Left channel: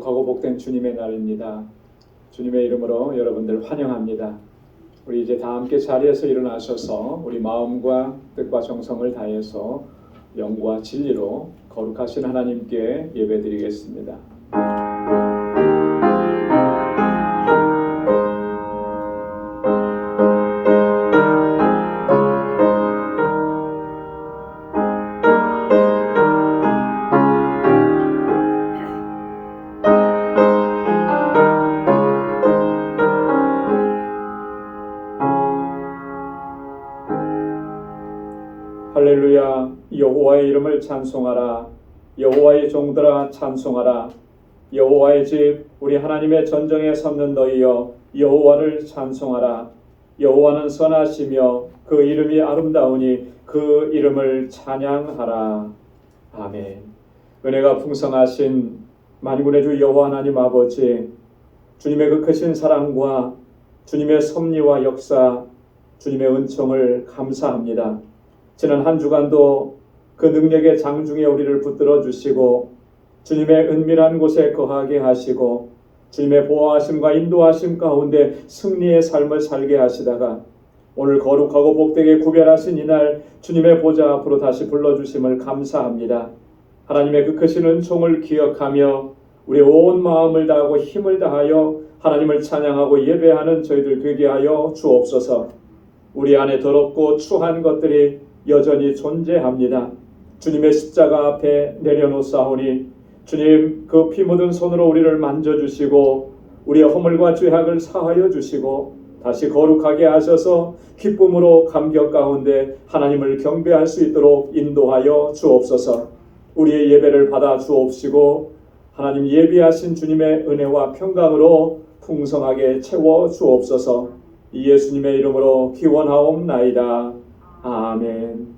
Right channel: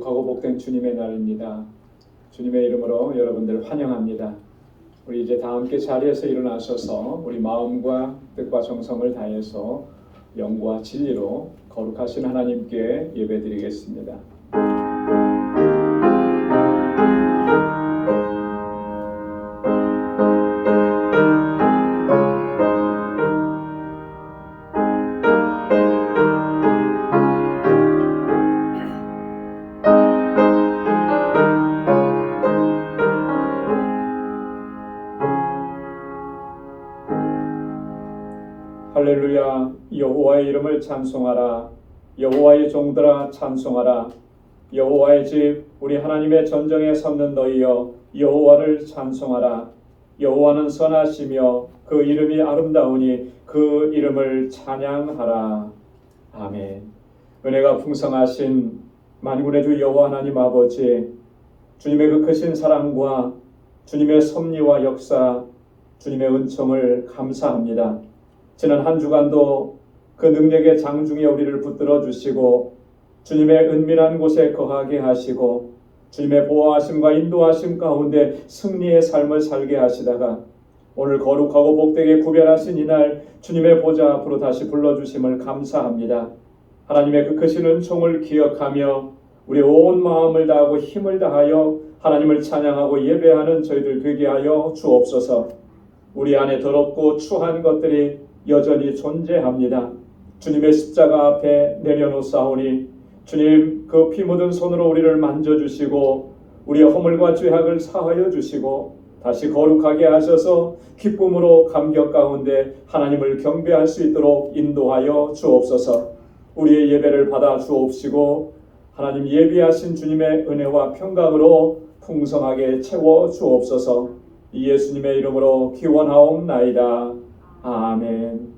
거룩하고 복된 주님의 날입니다. 주님의 이름으로 여러분들 환영합니다. 우리 이제 다 함께 자리에서 일어나셔서 우리 마음과 뜻과 정성을 다해서 영과 진리로 거룩하신 하나님께 예배드리겠습니다. 할렐루야. 여호와의 이름을 찬송하라. 여호와의 종들아 찬송하라. 여호와의 집 우리 하나님의 전정에 섰는 너희여 여호와를 찬송하라. 여호와는 선하시며 그 이름이 아름다우니 그 이름을 찬양하라. 아멘. 은혜가 풍성하신 만군의 주 여호와 하나님 아버지, 주님의 그 크신 사랑과 주님의 섭리와 역사, 주님의 은총을 감사합니다. 지난 한 주간도 그 능력의 장중에 우리를 붙들어 주시고 주님의 은밀한 곳에 거하게 하시고 주님의 보호하심과 인도하심 가운데 승리의 삶을 살게 하시다가 오늘 거룩하고 복되게 구별하신 이날 주님의 보좌 앞으로 다시 불러주심을 감사합니다. 하나님의 그 크신 은총을 기억하며 우리 온 마음을 다하고 힘을 다하여 하나님을 찬양하고 예배하는 저희들 되게 하여 주옵소서. 우리 안에 더럽고 추한 것들이 여전히 존재합니다. 주님의 십자가 앞에 내려놓사오니 주님 그 피 묻은 손으로 우리를 만져주시고 우리의 허물과 죄악을 사하여 주시고 다시 거룩하게 하셔서 기쁨으로 감격 가운데 하나님을 경배할 수 있도록 인도하여 주옵소서. 우리의 예배를 받아 주옵시고 하나님 예비하신 주님의 은혜와 평강으로 풍성하게 채워 주옵소서. 이 예수님의 이름으로 기원하옵나이다. 아멘.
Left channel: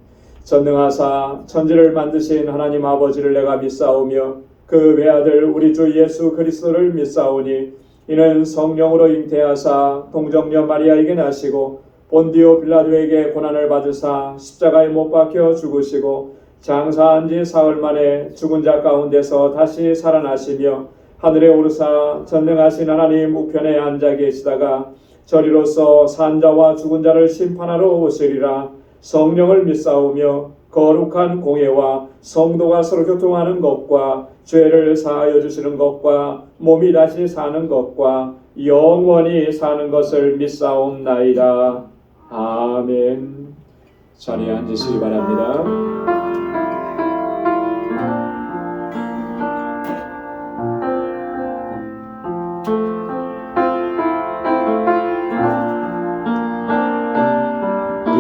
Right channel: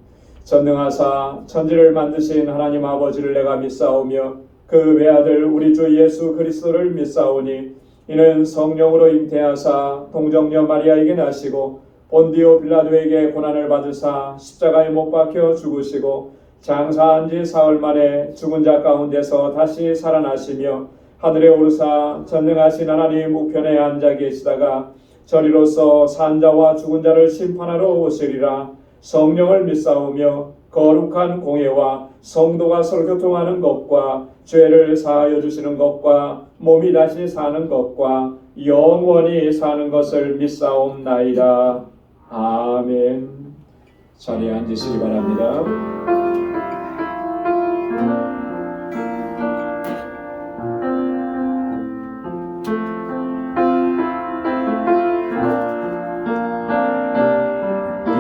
전능하사 천지를 만드신 하나님 아버지를 내가 믿사오며 그 외아들 우리 주 예수 그리스도를 믿사오니 이는 성령으로 잉태하사 동정녀 마리아에게 나시고 본디오 빌라도에게 고난을 받으사 십자가에 못 박혀 죽으시고 장사한 지 사흘 만에 죽은 자 가운데서 다시 살아나시며 하늘에 오르사 전능하신 하나님 우편에 앉아 계시다가 저리로서 산 자와 죽은 자를 심판하러 오시리라. 성령을 믿사오며 거룩한 공예와 성도가 서로 교통하는 것과 죄를 사하여 주시는 것과 몸이 다시 사는 것과 영원히 사는 것을 믿사옵나이다. 아멘. 자리에 앉으시기 바랍니다.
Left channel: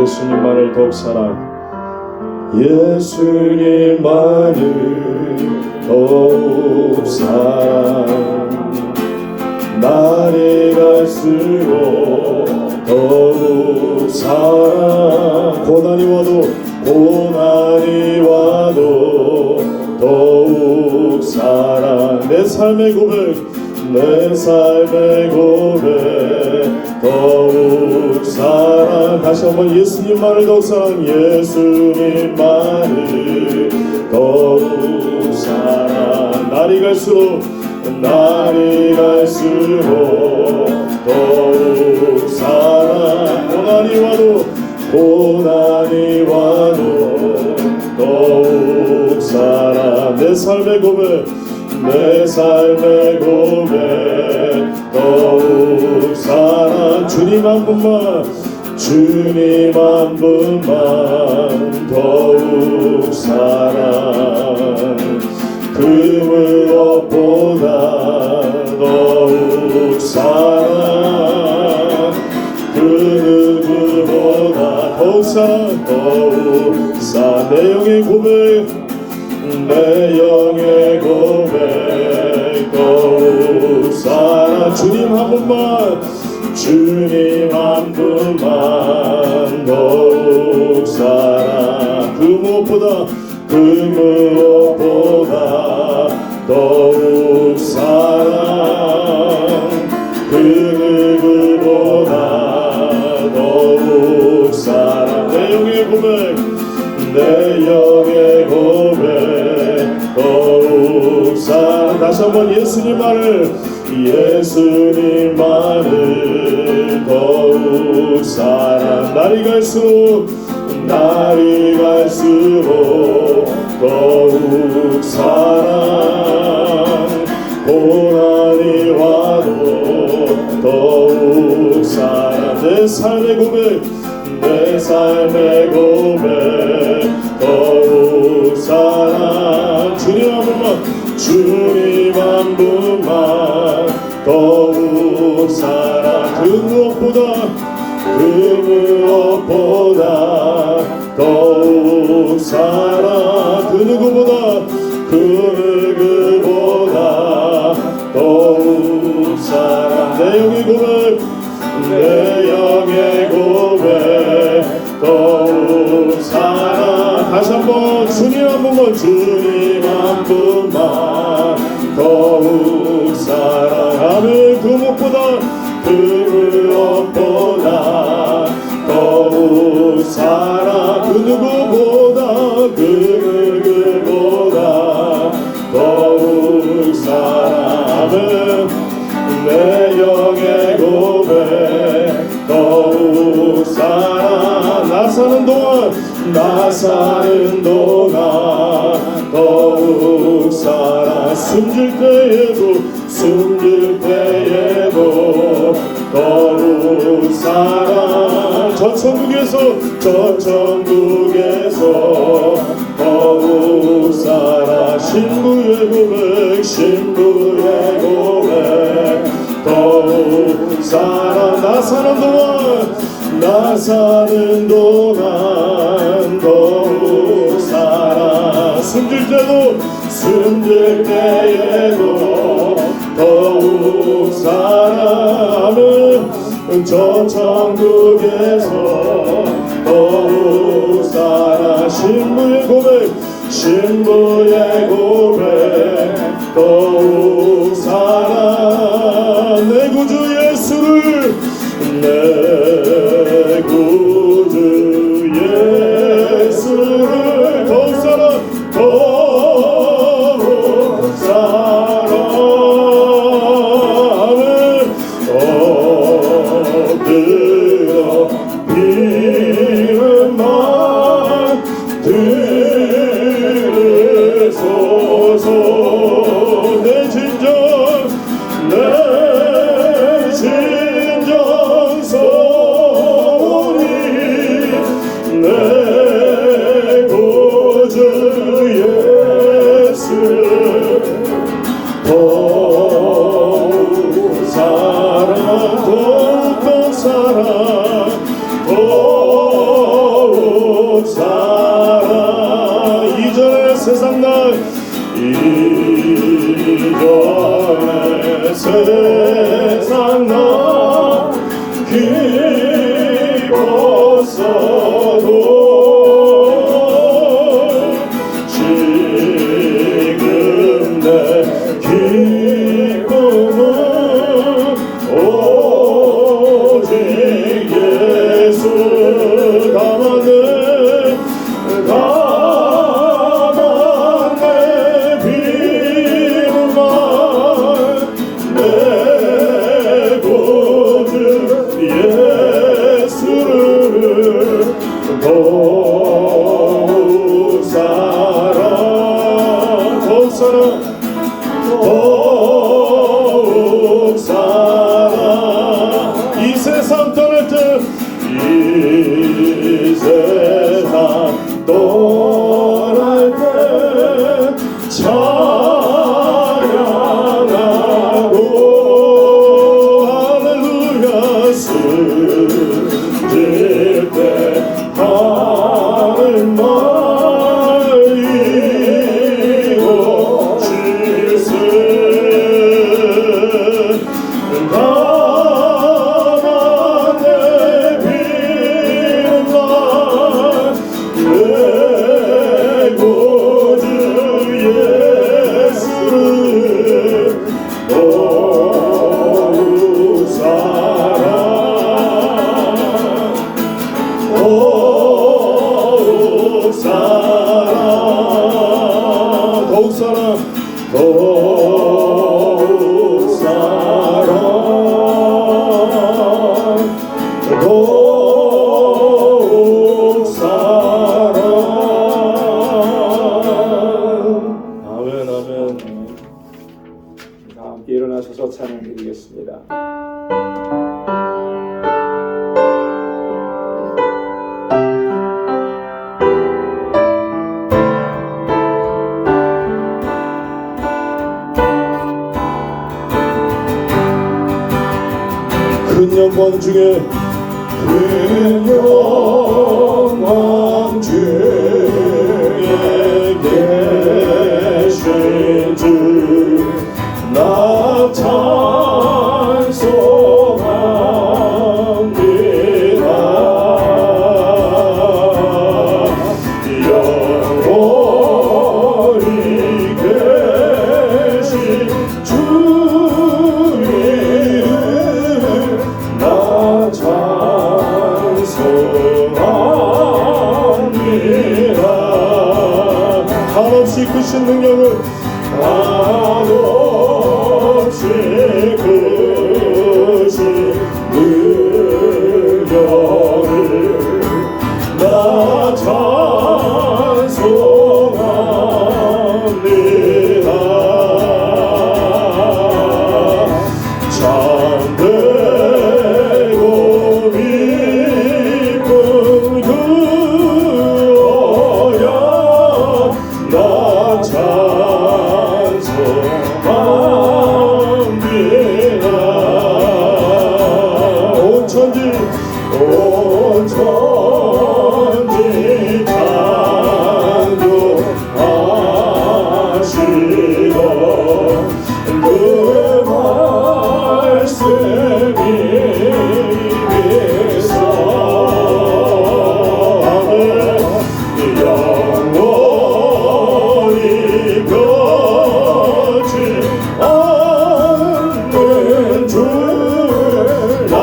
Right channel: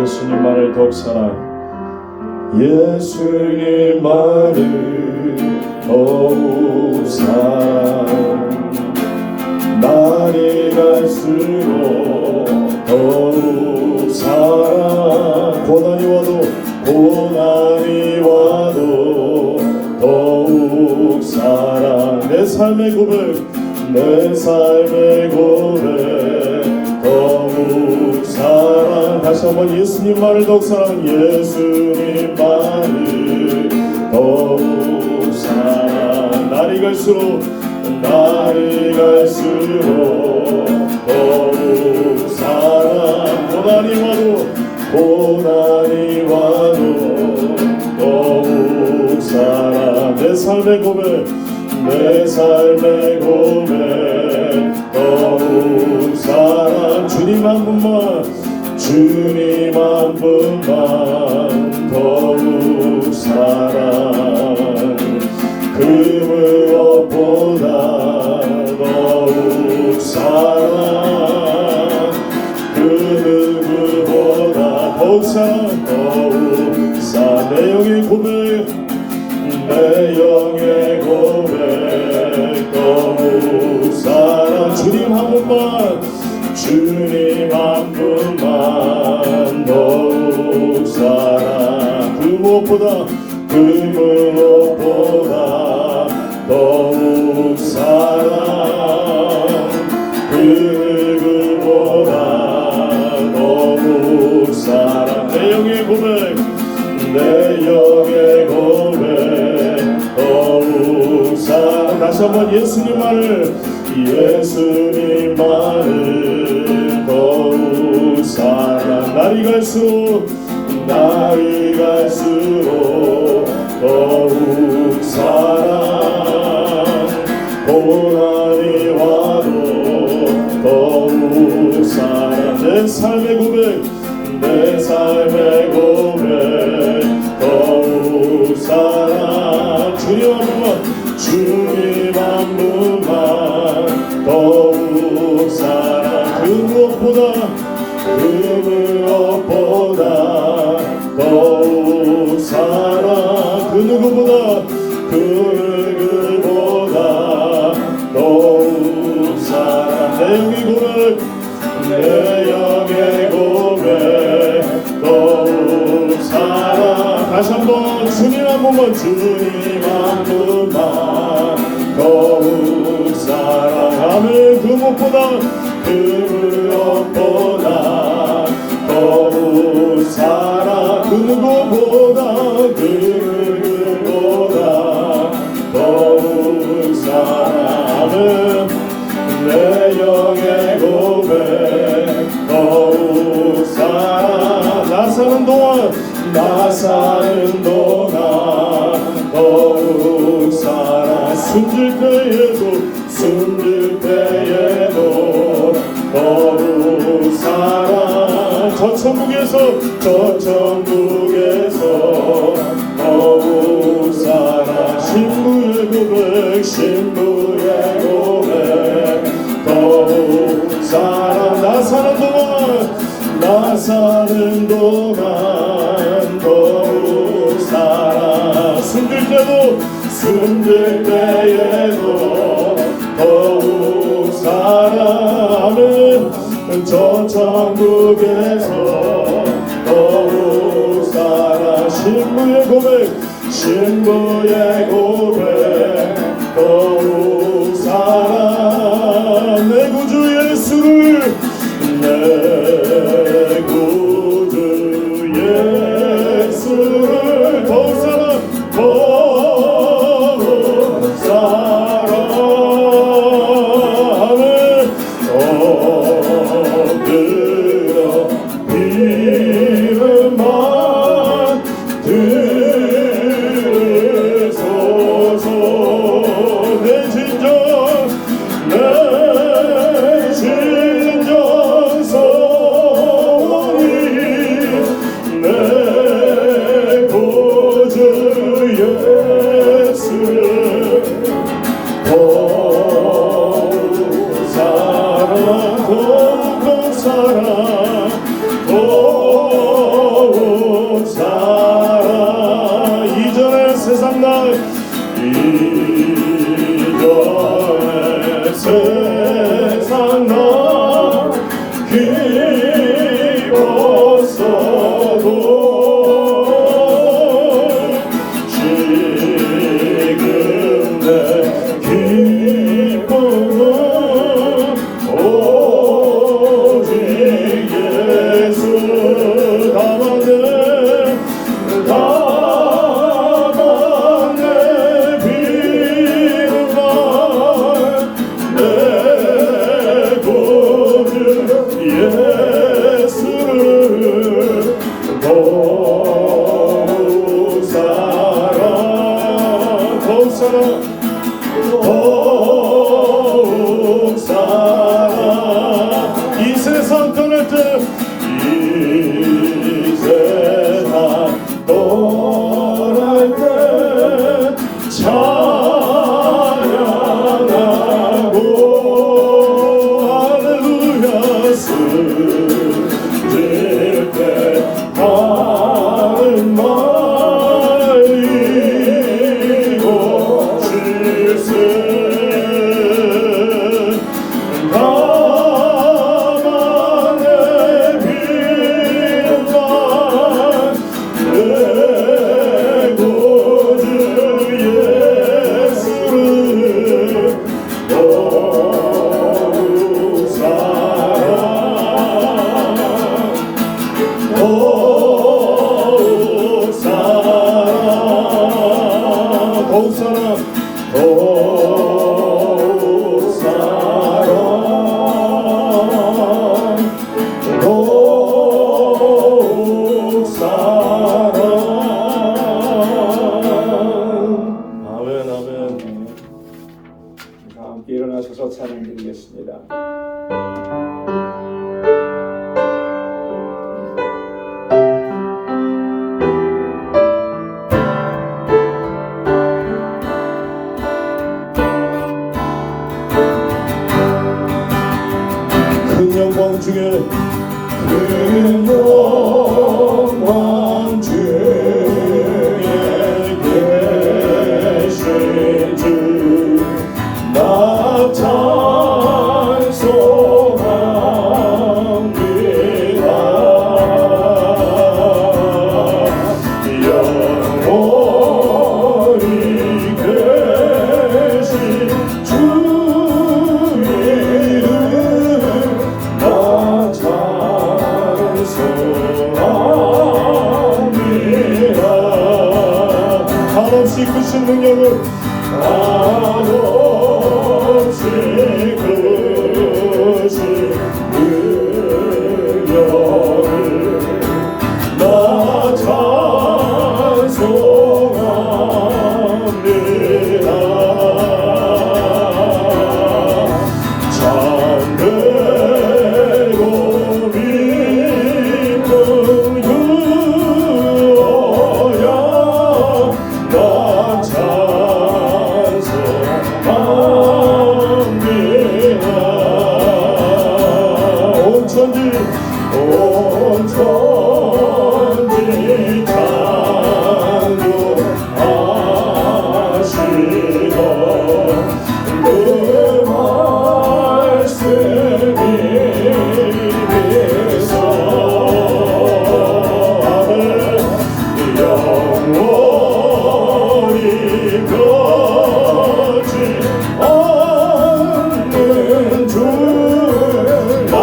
예수님만을 더욱 사랑. 예수님만을 더욱 사랑. 날이 갈수록 더욱 사랑. 고난이 와도 더욱 사랑. 내 삶의 고백 더욱 사랑. 다시 한번 예수님만을 더욱 사랑. 예수님만을 더욱 사랑. 날이 갈수록 더욱 사랑. 고난이 와도 더욱 사랑. 내 삶의 고백 더욱 사랑. 주님 한 분만 더욱 사랑. 그 무엇보다 더욱 사랑. 그 누구보다 더욱 사랑. 내 영의 고백 더욱 사랑. 주님 한 분만 더욱 사랑. 그 무엇보다 더욱 사랑. 그 누구보다 더욱 사랑. 내 영의 고백 더욱 사랑. 다시 한번 예수님만을 예수님만을 더욱 사랑 날이 갈수록 더욱 사랑 고난이 와도 더욱 사랑 내 삶의 고백 더욱 사랑 주님 한 분만 더욱 사랑 그 무엇보다 더욱 사랑 그 누구보다 더욱 사랑 내 영의 고백 더욱 사랑 다시 한번 주님 한 분만 더욱 사랑하면 그 무엇보다 더욱 사랑 그 누구보다 더욱 사랑하는 내 영의 고백 더욱 사랑 나 사는 동안 더욱 사랑 숨질 때에도 더욱 사랑 저 천국에서 더욱 사랑 신부의 고백 더욱 사랑 나 사는 동안 더욱 사랑 숨들 때에도 더욱 사랑하는 저 천국에서 더욱 사랑 신부의 고백 더욱 사랑 내 구주 예수를 더욱 사랑하는 엎드려 비는 맘 들으소서 내 진정 소리 내 구주 예수 더욱 사랑 이전의 세상 나 기뻤어도 지금 내 기쁨은 오직 예수 가만 내 비문만 내 찬양드리겠습니다. 큰 영광 중에 큰 영광 중에 계신 주 나 찬송합니다. 영원히 계신 주 이름 나 찬송합니다. 한없이 크신 능력을 한없이 크신 능력을 나 찬송합니다. 참되고 기쁜 그 어야 나 찬송합니다. 온 천지 창조하시던 그 말씀이 믿사 영원히 거지 않는 줄나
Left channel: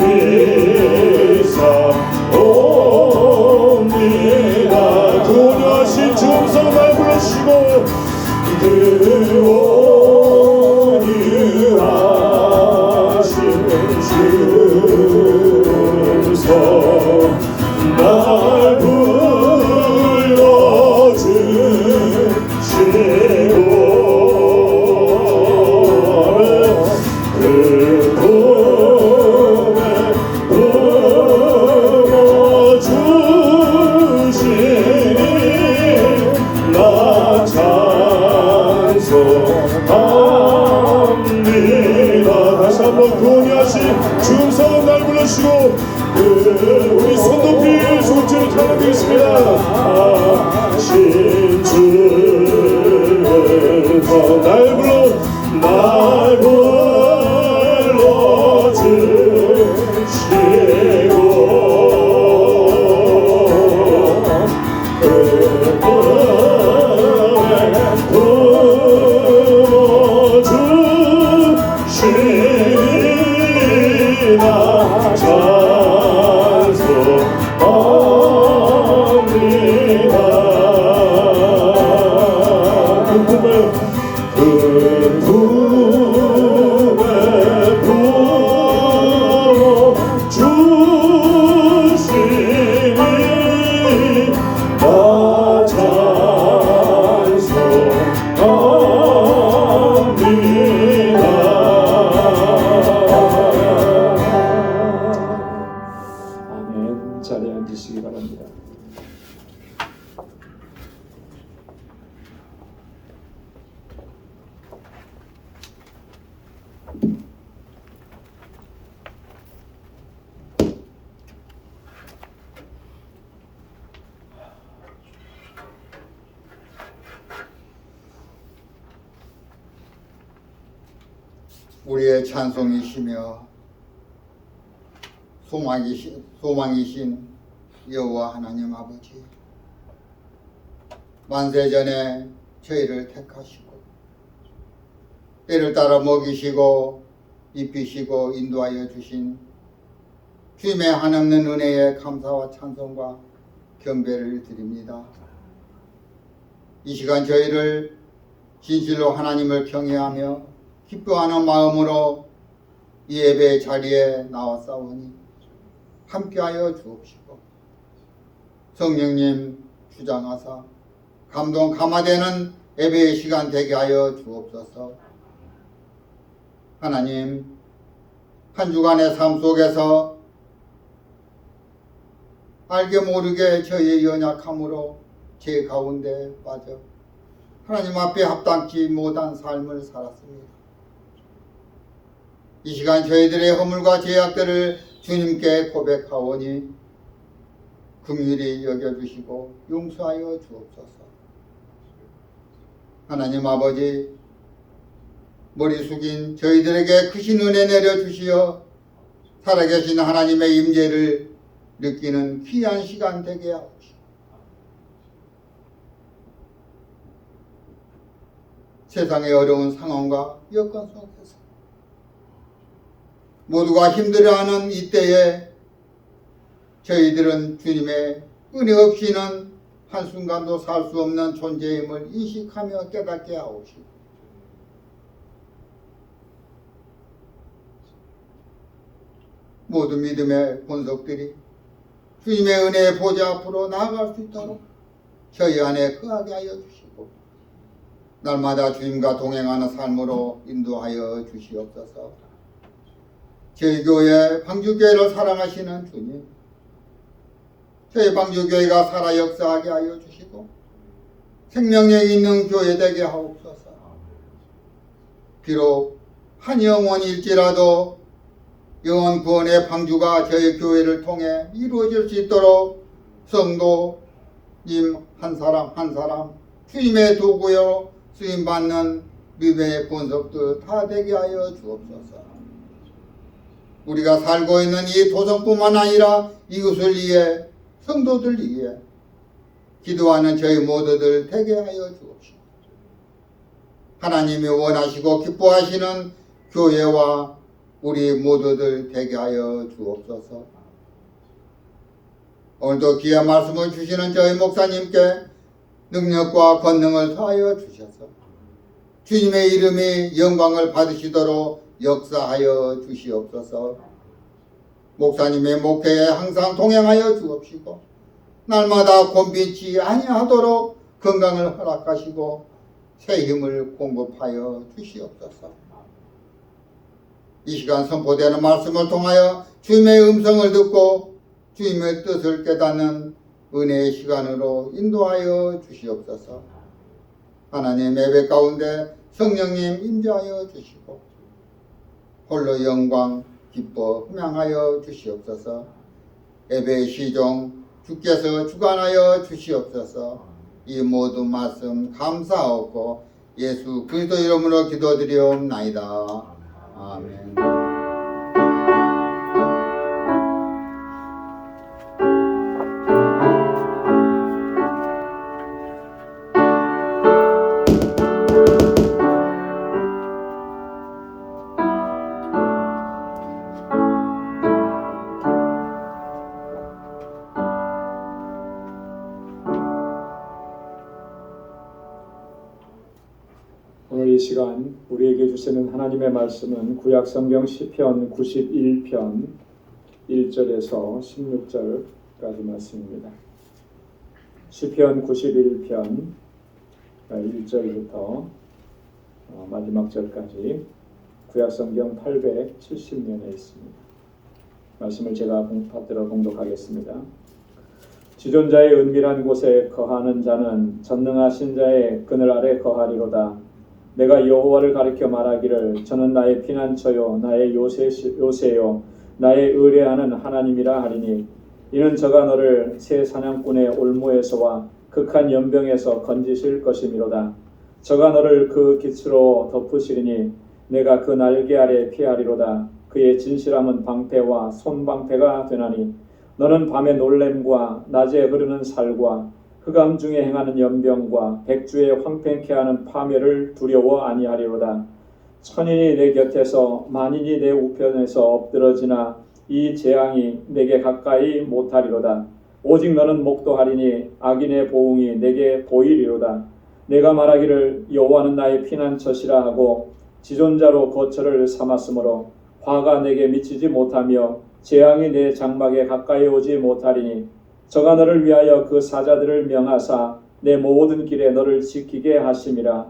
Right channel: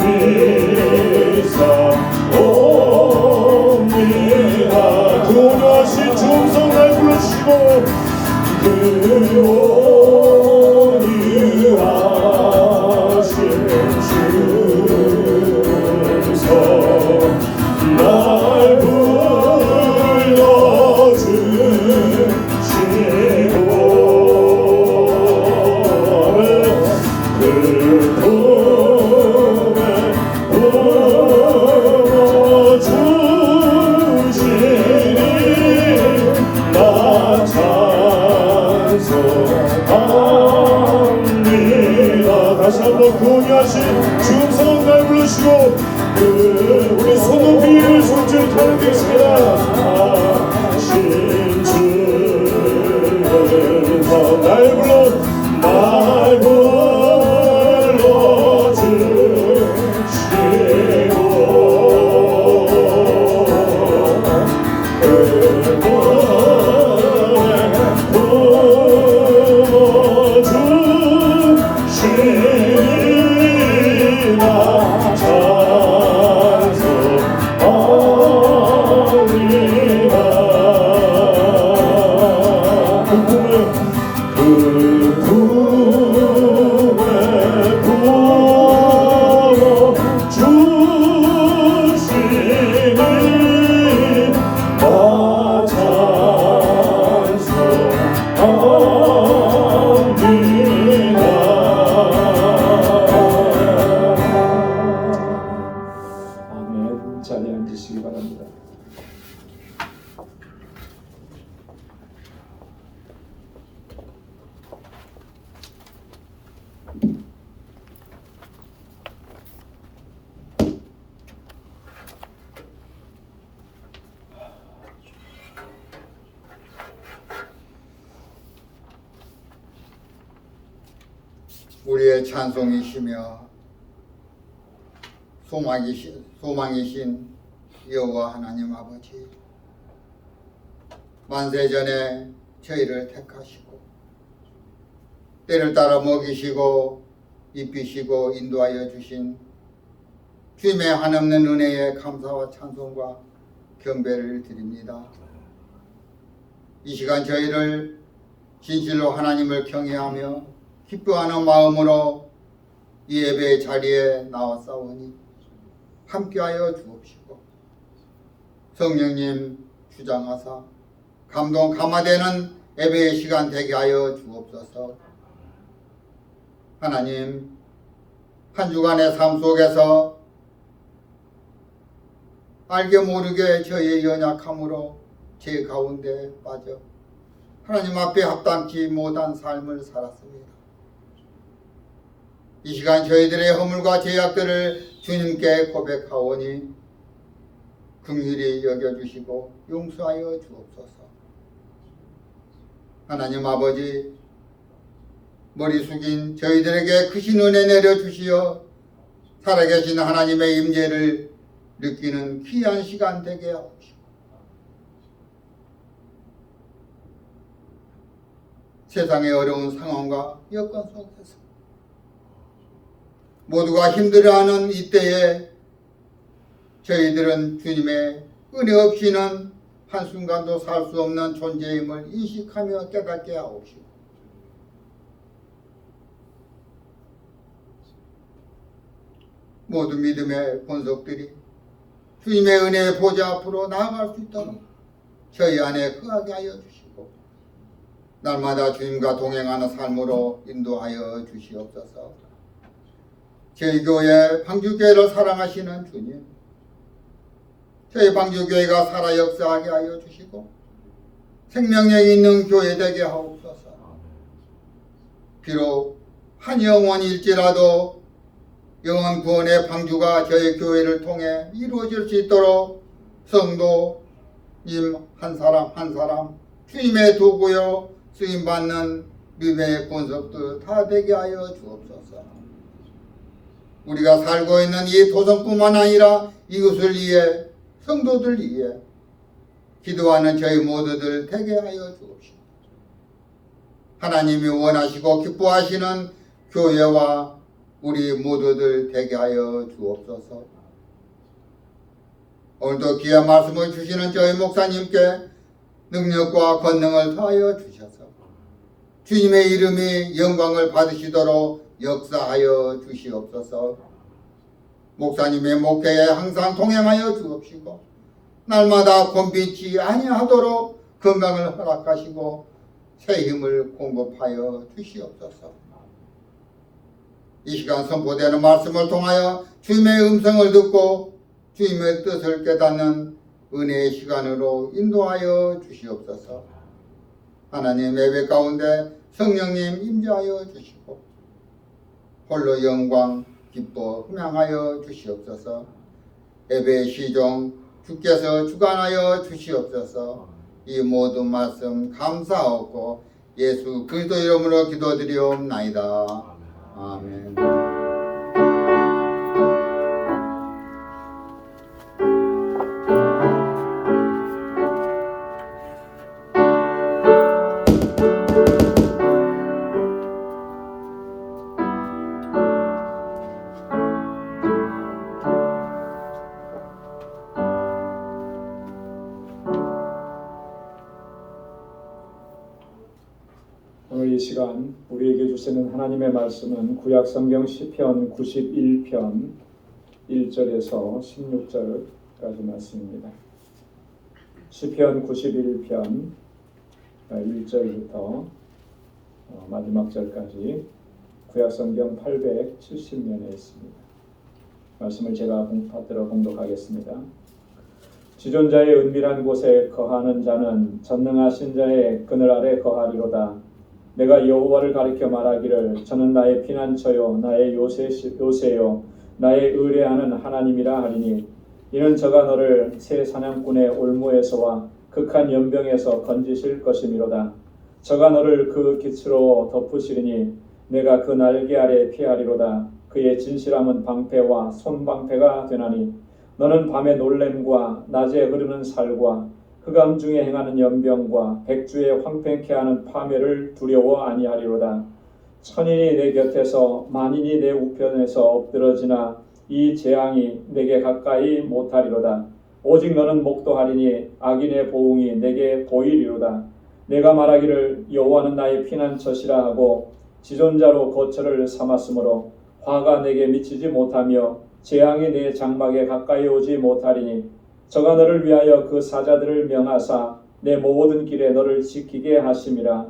믿사옵니다. 그 온유하신 중성 날 부르시고 그 온유하신 중성 날 불러주시고 그 품에 품어주시니 나 찬송합니다. 다시 한번 그 온유하신 중성 날 부르시고 그 우리 손 높이 손질 찬양드리겠습니다. 신주가 날 아멘. 자리에 앉으시기 바랍니다. 우리의 찬송이시며 소망이신 여호와 하나님 아버지, 만세전에 저희를 택하시고 때를 따라 먹이시고 입히시고 인도하여 주신 주님의 한없는 은혜에 감사와 찬송과 경배를 드립니다. 이 시간 저희를 진실로 하나님을 경외하며 기뻐하는 마음으로 이 예배의 자리에 나왔사오니 함께하여 주옵시고 성령님 주장하사 감동 감화되는 예배의 시간 되게 하여 주옵소서. 하나님, 한 주간의 삶 속에서 알게 모르게 저의 연약함으로 제 가운데 빠져 하나님 앞에 합당치 못한 삶을 살았습니다. 이 시간 저희들의 허물과 죄악들을 주님께 고백하오니 긍휼히 여겨주시고 용서하여 주옵소서. 하나님 아버지, 머리 숙인 저희들에게 크신 은혜 내려주시어 살아계신 하나님의 임재를 느끼는 귀한 시간 되게 하옵시고, 세상의 어려운 상황과 여건 속에서 모두가 힘들어하는 이때에 저희들은 주님의 은혜 없이는 한순간도 살 수 없는 존재임을 인식하며 깨닫게 하옵시고, 모든 믿음의 본속들이 주님의 은혜의 보좌 앞으로 나아갈 수 있도록 저희 안에 거하게 하여 주시고, 날마다 주님과 동행하는 삶으로 인도하여 주시옵소서. 저희 교회 방주교회를 사랑하시는 주님, 저희 방주교회가 살아 역사하게 하여 주시고 생명력 있는 교회 되게 하옵소서. 비록 한 영혼일지라도 영혼 구원의 방주가 저희 교회를 통해 이루어질 수 있도록 성도님 한 사람 한 사람 주님의 도구요 쓰임받는 믿음의 본석들 다 되게 하여 주옵소서. 우리가 살고 있는 이 도성뿐만 아니라 이웃을 위해, 성도들 위해 기도하는 저희 모두들 되게 하여 주옵시고, 하나님이 원하시고 기뻐하시는 교회와 우리 모두들 되게 하여 주옵소서. 오늘도 귀한 말씀을 주시는 저희 목사님께 능력과 권능을 더하여 주셔서 주님의 이름이 영광을 받으시도록 역사하여 주시옵소서. 목사님의 목회에 항상 동행하여 주옵시고 날마다 곤비치 아니하도록 건강을 허락하시고 새 힘을 공급하여 주시옵소서. 이 시간 선포되는 말씀을 통하여 주님의 음성을 듣고 주님의 뜻을 깨닫는 은혜의 시간으로 인도하여 주시옵소서. 하나님 예배 가운데 성령님 임재하여 주시고 홀로 영광 기뻐 흠양하여 주시옵소서. 예배의 시종 주께서 주관하여 주시옵소서. 이 모든 말씀 감사하고 예수 그리스도 이름으로 기도드리옵나이다. 아멘. 오늘 이 시간 우리에게 주시는 하나님의 말씀은 구약성경 시편 91편 1절에서 16절까지 말씀입니다. 시편 91편 1절부터 마지막 절까지 구약성경 870면에 있습니다. 말씀을 제가 받들어 봉독하겠습니다. 지존자의 은밀한 곳에 거하는 자는 전능하신 자의 그늘 아래 거하리로다. 내가 여호와를 가리켜 말하기를 저는 나의 피난처요 나의 요새요 나의 의뢰하는 하나님이라 하리니 이는 저가 너를 새 사냥꾼의 올무에서와 극한 연병에서 건지실 것이미로다. 저가 너를 그 깃으로 덮으시리니 내가 그 날개 아래 피하리로다. 그의 진실함은 방패와 손방패가 되나니 너는 밤의 놀램과 낮에 흐르는 살과 흑암 중에 행하는 연병과 백주에 황팽케 하는 파멸을 두려워 아니하리로다. 천인이 내 곁에서 만인이 내 우편에서 엎드러지나 이 재앙이 내게 가까이 못하리로다. 오직 너는 목도하리니 악인의 보응이 내게 보이리로다. 내가 말하기를 여호와는 나의 피난처시라 하고 지존자로 거처를 삼았으므로 화가 내게 미치지 못하며 재앙이 내 장막에 가까이 오지 못하리니 저가 너를 위하여 그 사자들을 명하사 내 모든 길에 너를 지키게 하심이라.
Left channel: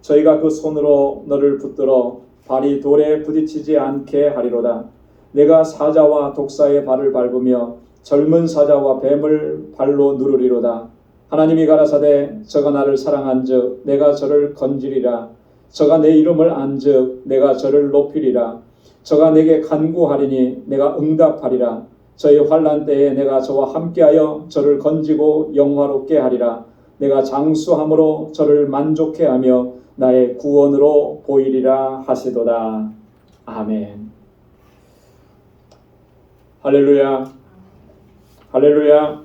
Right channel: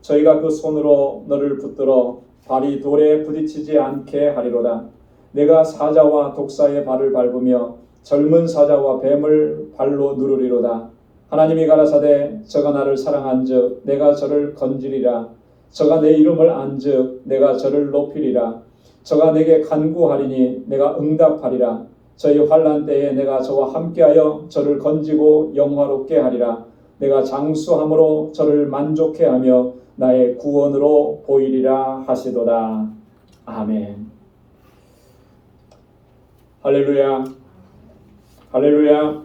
저희가 그 손으로 너를 붙들어 발이 돌에 부딪히지 않게 하리로다. 내가 사자와 독사의 발을 밟으며 젊은 사자와 뱀을 발로 누르리로다. 하나님이 가라사대 저가 나를 사랑한즉 내가 저를 건지리라. 저가 내 이름을 안즉 내가 저를 높이리라. 저가 내게 간구하리니 내가 응답하리라. 저희 환난 때에 내가 저와 함께하여 저를 건지고 영화롭게 하리라. 내가 장수함으로 저를 만족해 하며 나의 구원으로 보이리라 하시도다. 아멘. 할렐루야. 할렐루야.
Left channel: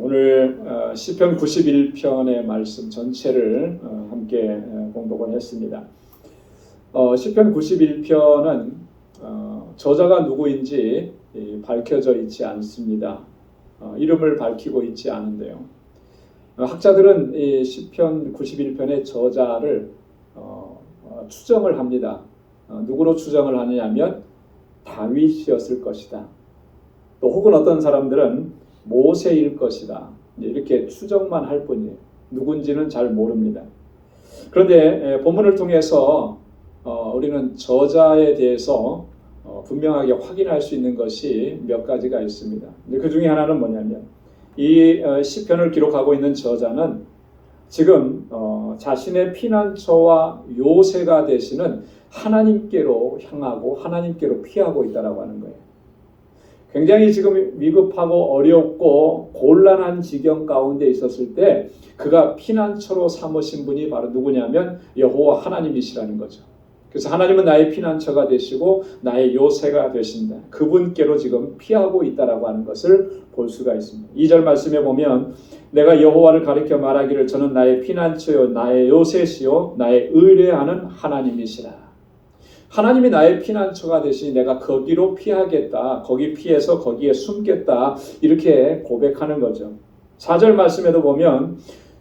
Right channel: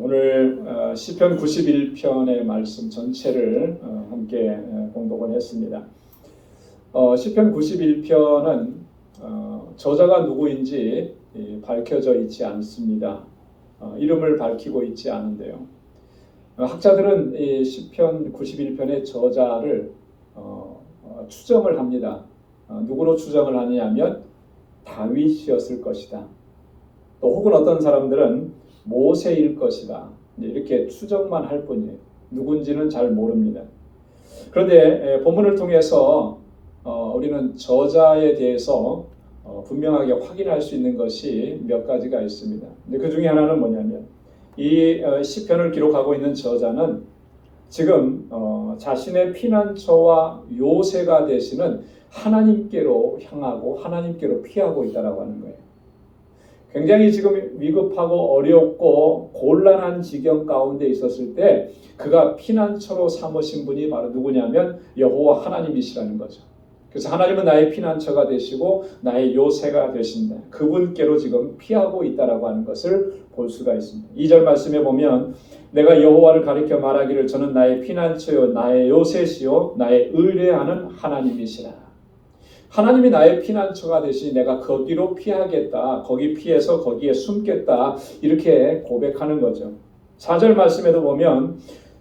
오늘 시편 91편의 말씀 전체를 함께 공독을 했습니다. 시편 91편은 저자가 누구인지 밝혀져 있지 않습니다. 이름을 밝히고 있지 않은데요. 학자들은 이 시편 91편의 저자를 추정을 합니다. 누구로 추정을 하느냐면 다윗이었을 것이다. 또 혹은 어떤 사람들은 모세일 것이다. 이렇게 추정만 할 뿐이에요. 누군지는 잘 모릅니다. 그런데 본문을 통해서 우리는 저자에 대해서 분명하게 확인할 수 있는 것이 몇 가지가 있습니다. 그 중에 하나는 뭐냐면 이 시편을 기록하고 있는 저자는 지금 자신의 피난처와 요새가 되시는 하나님께로 향하고 하나님께로 피하고 있다라고 하는 거예요. 굉장히 지금 위급하고 어렵고 곤란한 지경 가운데 있었을 때 그가 피난처로 삼으신 분이 바로 누구냐면 여호와 하나님이시라는 거죠. 그래서 하나님은 나의 피난처가 되시고 나의 요새가 되신다. 그분께로 지금 피하고 있다라고 하는 것을 볼 수가 있습니다. 2절 말씀에 보면 내가 여호와를 가리켜 말하기를 저는 나의 피난처요 나의 요새시요 나의 의뢰하는 하나님이시라. 하나님이 나의 피난처가 되시니 내가 거기로 피하겠다. 거기 피해서 거기에 숨겠다. 이렇게 고백하는 거죠. 4절 말씀에도 보면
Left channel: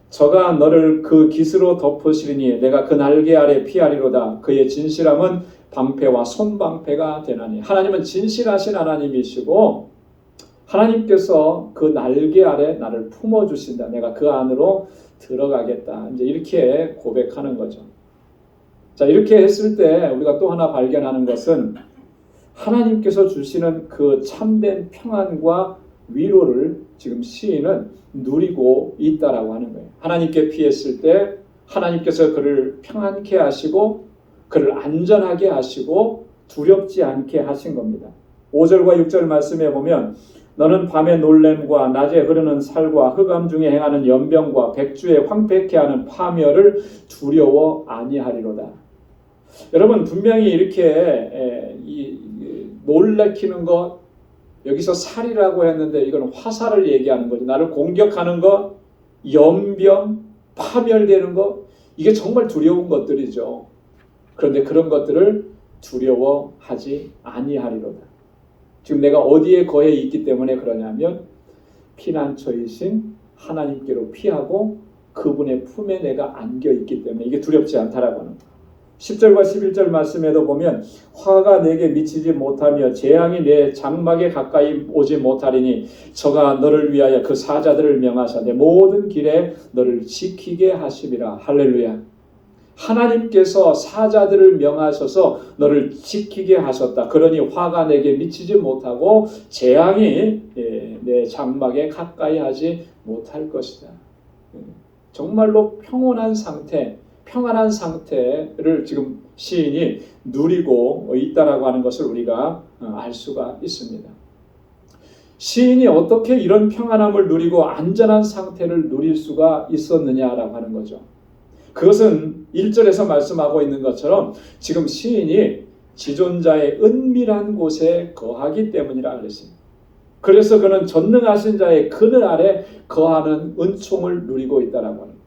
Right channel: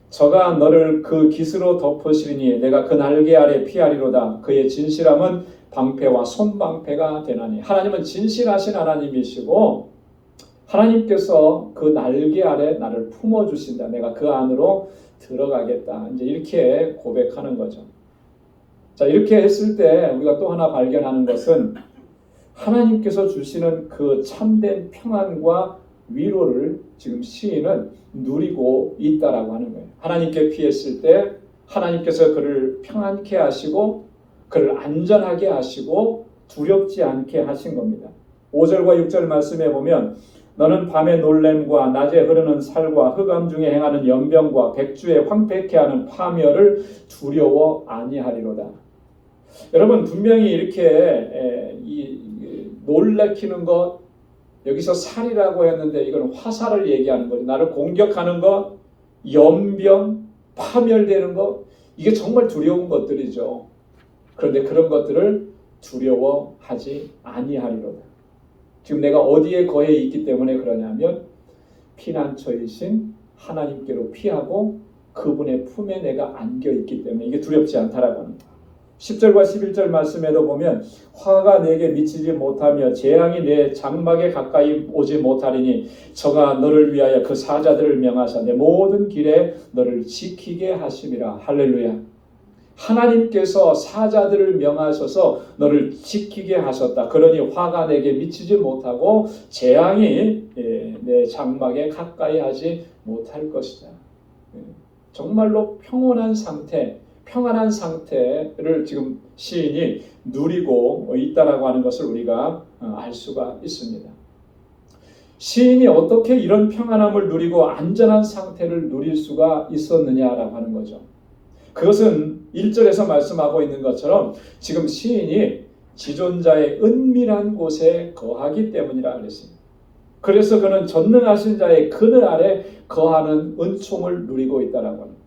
저가 너를 그 깃으로 덮으시리니 내가 그 날개 아래 피하리로다. 그의 진실함은 방패와 손방패가 되나니. 하나님은 진실하신 하나님이시고 하나님께서 그 날개 아래 나를 품어주신다. 내가 그 안으로 들어가겠다. 이제 이렇게 고백하는 거죠. 자, 이렇게 했을 때 우리가 또 하나 발견하는 것은 하나님께서 주시는 그 참된 평안과 위로를 지금 시인은 누리고 있다라고 하는 거예요. 하나님께 피했을 때 하나님께서 그를 평안케 하시고 그를 안전하게 하시고 두렵지 않게 하신 겁니다. 5절과 6절 말씀에 보면 너는 밤의 놀램과 낮에 흐르는 살과 흑암 중에 행하는 연병과 백주에 황폐케 하는 파멸을 두려워 아니하리로다. 여러분 분명히 이렇게 놀래키는 것 여기서 살이라고 했는데 이건 화살을 얘기하는 거죠. 나를 공격하는 것, 연병, 파멸되는 것 이게 정말 두려운 것들이죠. 그런데 그런 것들을 두려워하지 아니하리로다. 지금 내가 어디에 거해 있기 때문에 그러냐면 피난처이신 하나님께로 피하고 그분의 품에 내가 안겨 있기 때문에 이게 두렵지 않다라고 하는 거예요. 10절과 11절 말씀에도 보면 화가 내게 미치지 못하며 재앙이 내 장막에 가까이 오지 못하리니 저가 너를 위하여 그 사자들을 명하사 내 모든 길에 너를 지키게 하심이라. 할렐루야. 하나님께서 사자들을 명하셔서 너를 지키게 하셨다. 그러니 화가 내게 미치지 못하고 재앙이 내 장막에 가까이 하지 못할 것이다. 정말로 평온한 상태 평안한 상태를 지금 시인이 누리고 있다라고 하는 것을 우리가 알 수가 있습니다. 시인이 어떻게 이런 평안함을 누리고 안전한 상태를 누릴 수가 있었느냐라고 하는 거죠. 그것은 1절에서 말씀하고 있는 것처럼 지금 시인이 지존자의 은밀한 곳에 거하기 때문이라 그랬습니다. 그래서 그는 전능하신 자의 그늘 아래 거하는 은총을 누리고 있다라고 합니다.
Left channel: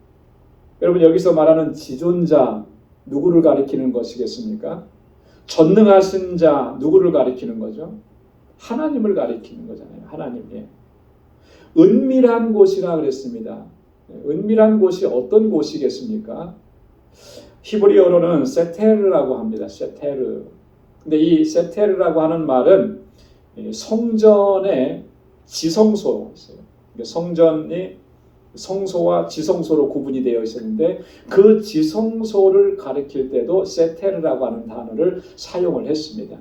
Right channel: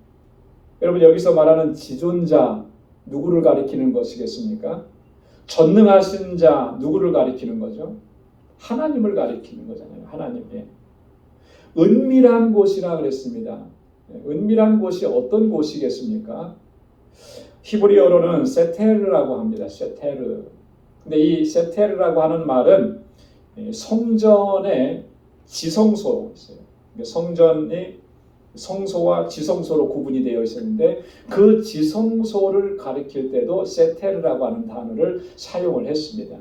여러분 여기서 말하는 지존자 누구를 가리키는 것이겠습니까? 전능하신 자 누구를 가리키는 거죠? 하나님을 가리키는 거잖아요. 하나님의 은밀한 곳이라 그랬습니다. 은밀한 곳이 어떤 곳이겠습니까? 히브리어로는 세테르라고 합니다. 세테르. 근데 이 세테르라고 하는 말은 성전의 지성소, 성전이 성소와 지성소로 구분이 되어 있었는데 그 지성소를 가리킬 때도 세테르라고 하는 단어를 사용을 했습니다.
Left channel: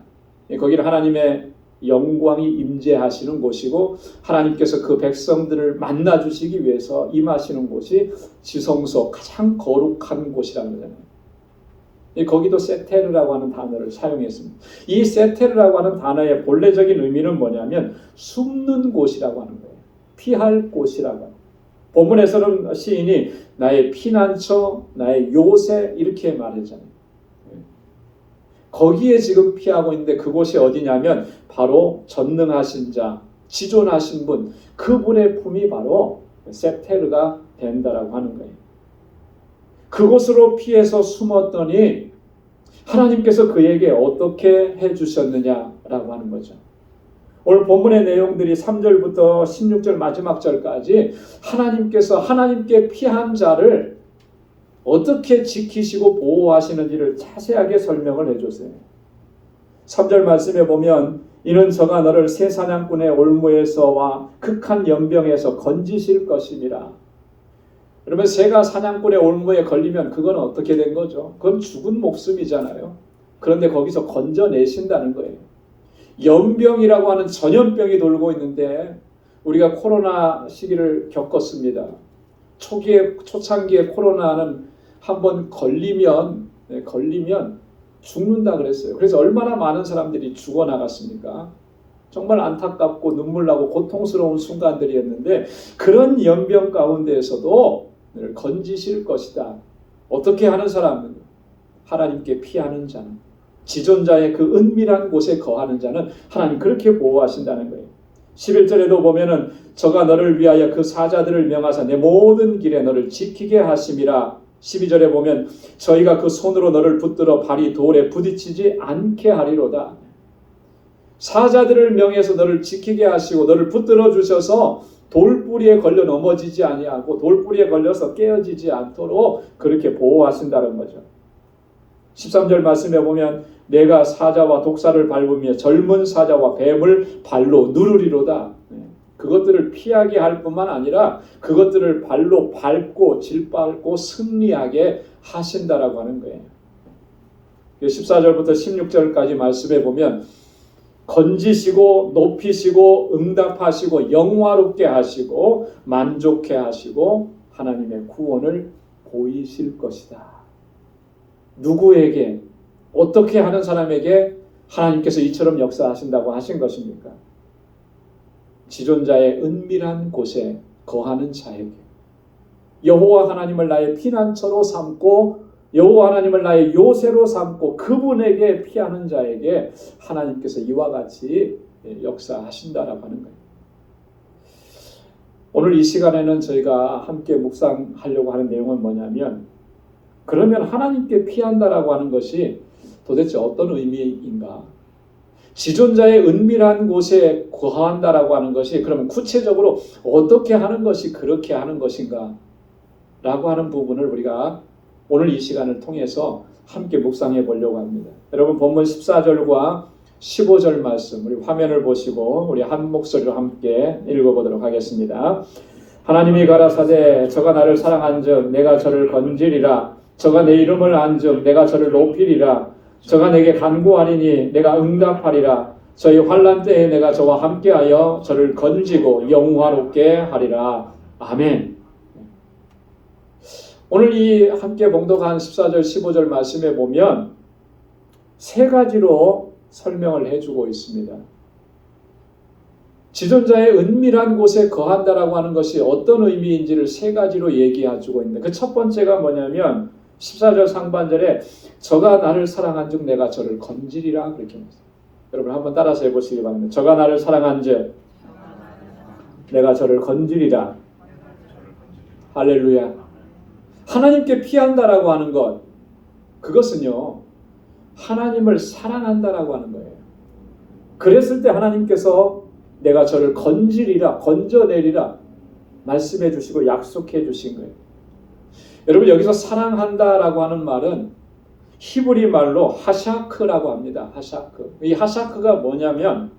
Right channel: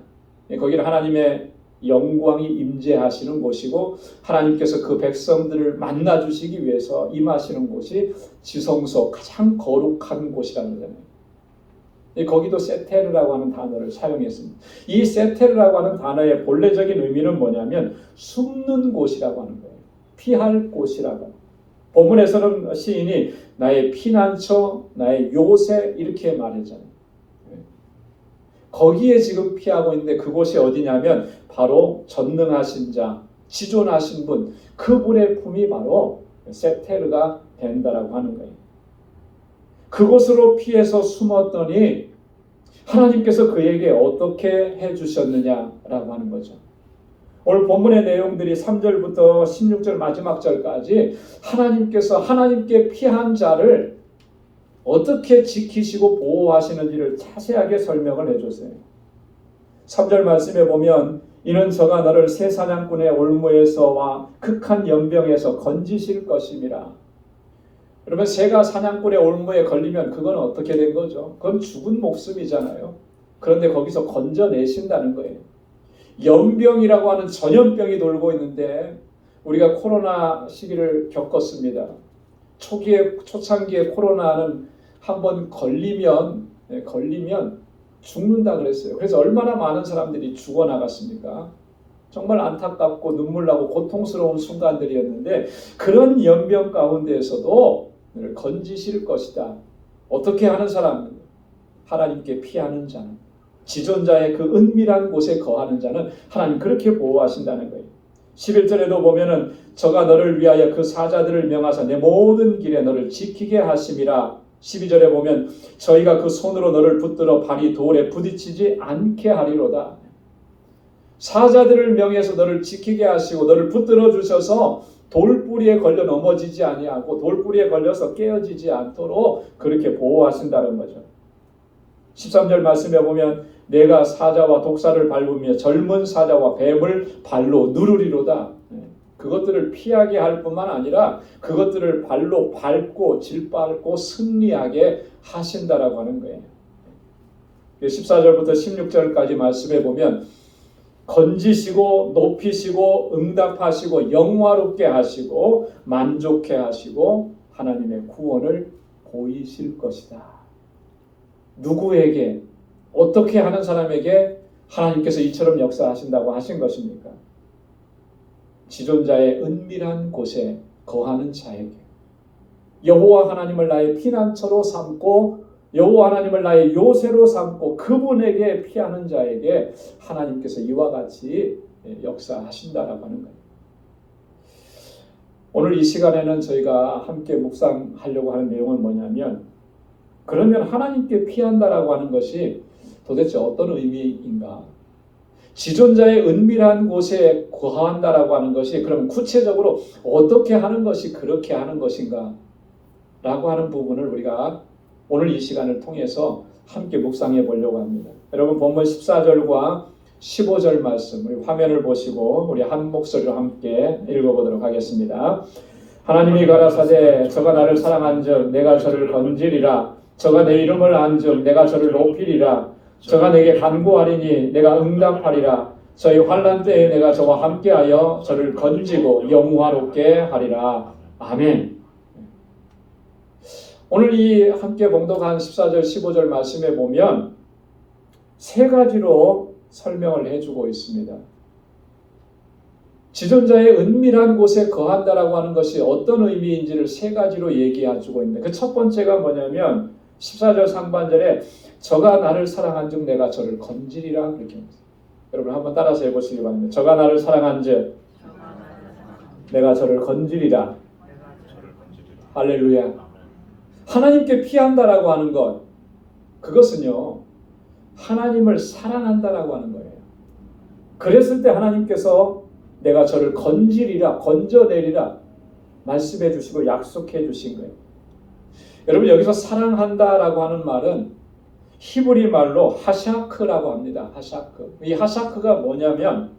거기는 하나님의 영광이 임재하시는 곳이고 하나님께서 그 백성들을 만나 주시기 위해서 임하시는 곳이 지성소, 가장 거룩한 곳이라는 거잖아요. 거기도 세테르라고 하는 단어를 사용했습니다. 이 세테르라고 하는 단어의 본래적인 의미는 뭐냐면 숨는 곳이라고 하는 거예요. 피할 곳이라고. 본문에서는 시인이 나의 피난처, 나의 요새 이렇게 말했잖아요. 거기에 지금 피하고 있는데 그곳이 어디냐면 바로 전능하신 자, 지존하신 분, 그분의 품이 바로 세테르가 된다라고 하는 거예요. 그곳으로 피해서 숨었더니 하나님께서 그에게 어떻게 해주셨느냐라고 하는 거죠. 오늘 본문의 내용들이 3절부터 16절 마지막 절까지 하나님께서 하나님께 피한 자를 어떻게 지키시고 보호하시는지를 자세하게 설명을 해줬어요. 3절 말씀에 보면 이는 저가 너를 새 사냥꾼의 올무에서와 극한 연병에서 건지실 것임이라. 그러면 새가 사냥꾼의 올무에 걸리면 그건 어떻게 된 거죠? 그건 죽은 목숨이잖아요. 그런데 거기서 건져내신다는 거예요. 연병이라고 하는 전염병이 돌고 있는데 우리가 코로나 시기를 겪었습니다. 초창기에 코로나는 한번 걸리면 죽는다 그랬어요. 그래서 얼마나 많은 사람들이 죽어나갔습니까? 정말 안타깝고 눈물나고 고통스러운 순간들이었는데 그런 연병 가운데에서도 건지실 것이다. 어떻게 하는 사람은 하나님께 피하는 자는, 지존자의 그 은밀한 곳에 거하는 자는 하나님 그렇게 보호하신다는 거예요. 11절에도 보면은 저가 너를 위하여 그 사자들을 명하사 내 모든 길에 너를 지키게 하심이라. 12절에 보면 저희가 그 손으로 너를 붙들어 발이 돌에 부딪히지 않게 하리로다. 사자들을 명해서 너를 지키게 하시고 너를 붙들어 주셔서 돌뿌리에 걸려 넘어지지 아니하고 돌뿌리에 걸려서 깨어지지 않도록 그렇게 보호하신다는 거죠. 13절 말씀에 보면 내가 사자와 독사를 밟으며 젊은 사자와 뱀을 발로 누르리로다. 그것들을 피하게 할 뿐만 아니라 그것들을 발로 밟고 질밟고 승리하게 하신다라고 하는 거예요. 14절부터 16절까지 말씀해 보면 건지시고 높이시고 응답하시고 영화롭게 하시고 만족해 하시고 하나님의 구원을 보이실 것이다. 누구에게 어떻게 하는 사람에게 하나님께서 이처럼 역사하신다고 하신 것입니까? 지존자의 은밀한 곳에 거하는 자에게, 여호와 하나님을 나의 피난처로 삼고 여호와 하나님을 나의 요새로 삼고 그분에게 피하는 자에게 하나님께서 이와 같이 역사하신다라고 하는 거예요. 오늘 이 시간에는 저희가 함께 묵상하려고 하는 내용은 뭐냐면, 그러면 하나님께 피한다라고 하는 것이 도대체 어떤 의미인가? 지존자의 은밀한 곳에 거한다라고 하는 것이 그러면 구체적으로 어떻게 하는 것이 그렇게 하는 것인가? 라고 하는 부분을 우리가 오늘 이 시간을 통해서 함께 묵상해 보려고 합니다. 여러분 본문 14절과 15절 말씀 우리 화면을 보시고 우리 한 목소리로 함께 읽어보도록 하겠습니다. 하나님이 가라사대 저가 나를 사랑한즉 내가 저를 건지리라. 저가 내 이름을 안즉 내가 저를 높이리라. 저가 내게 간구하리니 내가 응답하리라. 저희 환난 때에 내가 저와 함께하여 저를 건지고 영화롭게 하리라. 아멘. 오늘 이 함께 봉독한 14절 15절 말씀에 보면 세 가지로 설명을 해주고 있습니다. 지존자의 은밀한 곳에 거한다라고 하는 것이 어떤 의미인지를 세 가지로 얘기해주고 있는데 그 첫 번째가 뭐냐면 14절 상반절에 저가 나를 사랑한즉 내가 저를 건지리라 그렇게 합니다. 여러분 한번 따라서 해보시기 바랍니다. 저가 나를 사랑한즉 내가 저를 건지리라. 할렐루야. 하나님께 피한다라고 하는 것, 그것은요 하나님을 사랑한다라고 하는 거예요. 그랬을 때 하나님께서 내가 저를 건지리라, 건져내리라 말씀해 주시고 약속해 주신 거예요. 여러분 여기서 사랑한다라고 하는 말은 히브리 말로 하샤크라고 합니다. 하샤크. 이 하샤크가 뭐냐면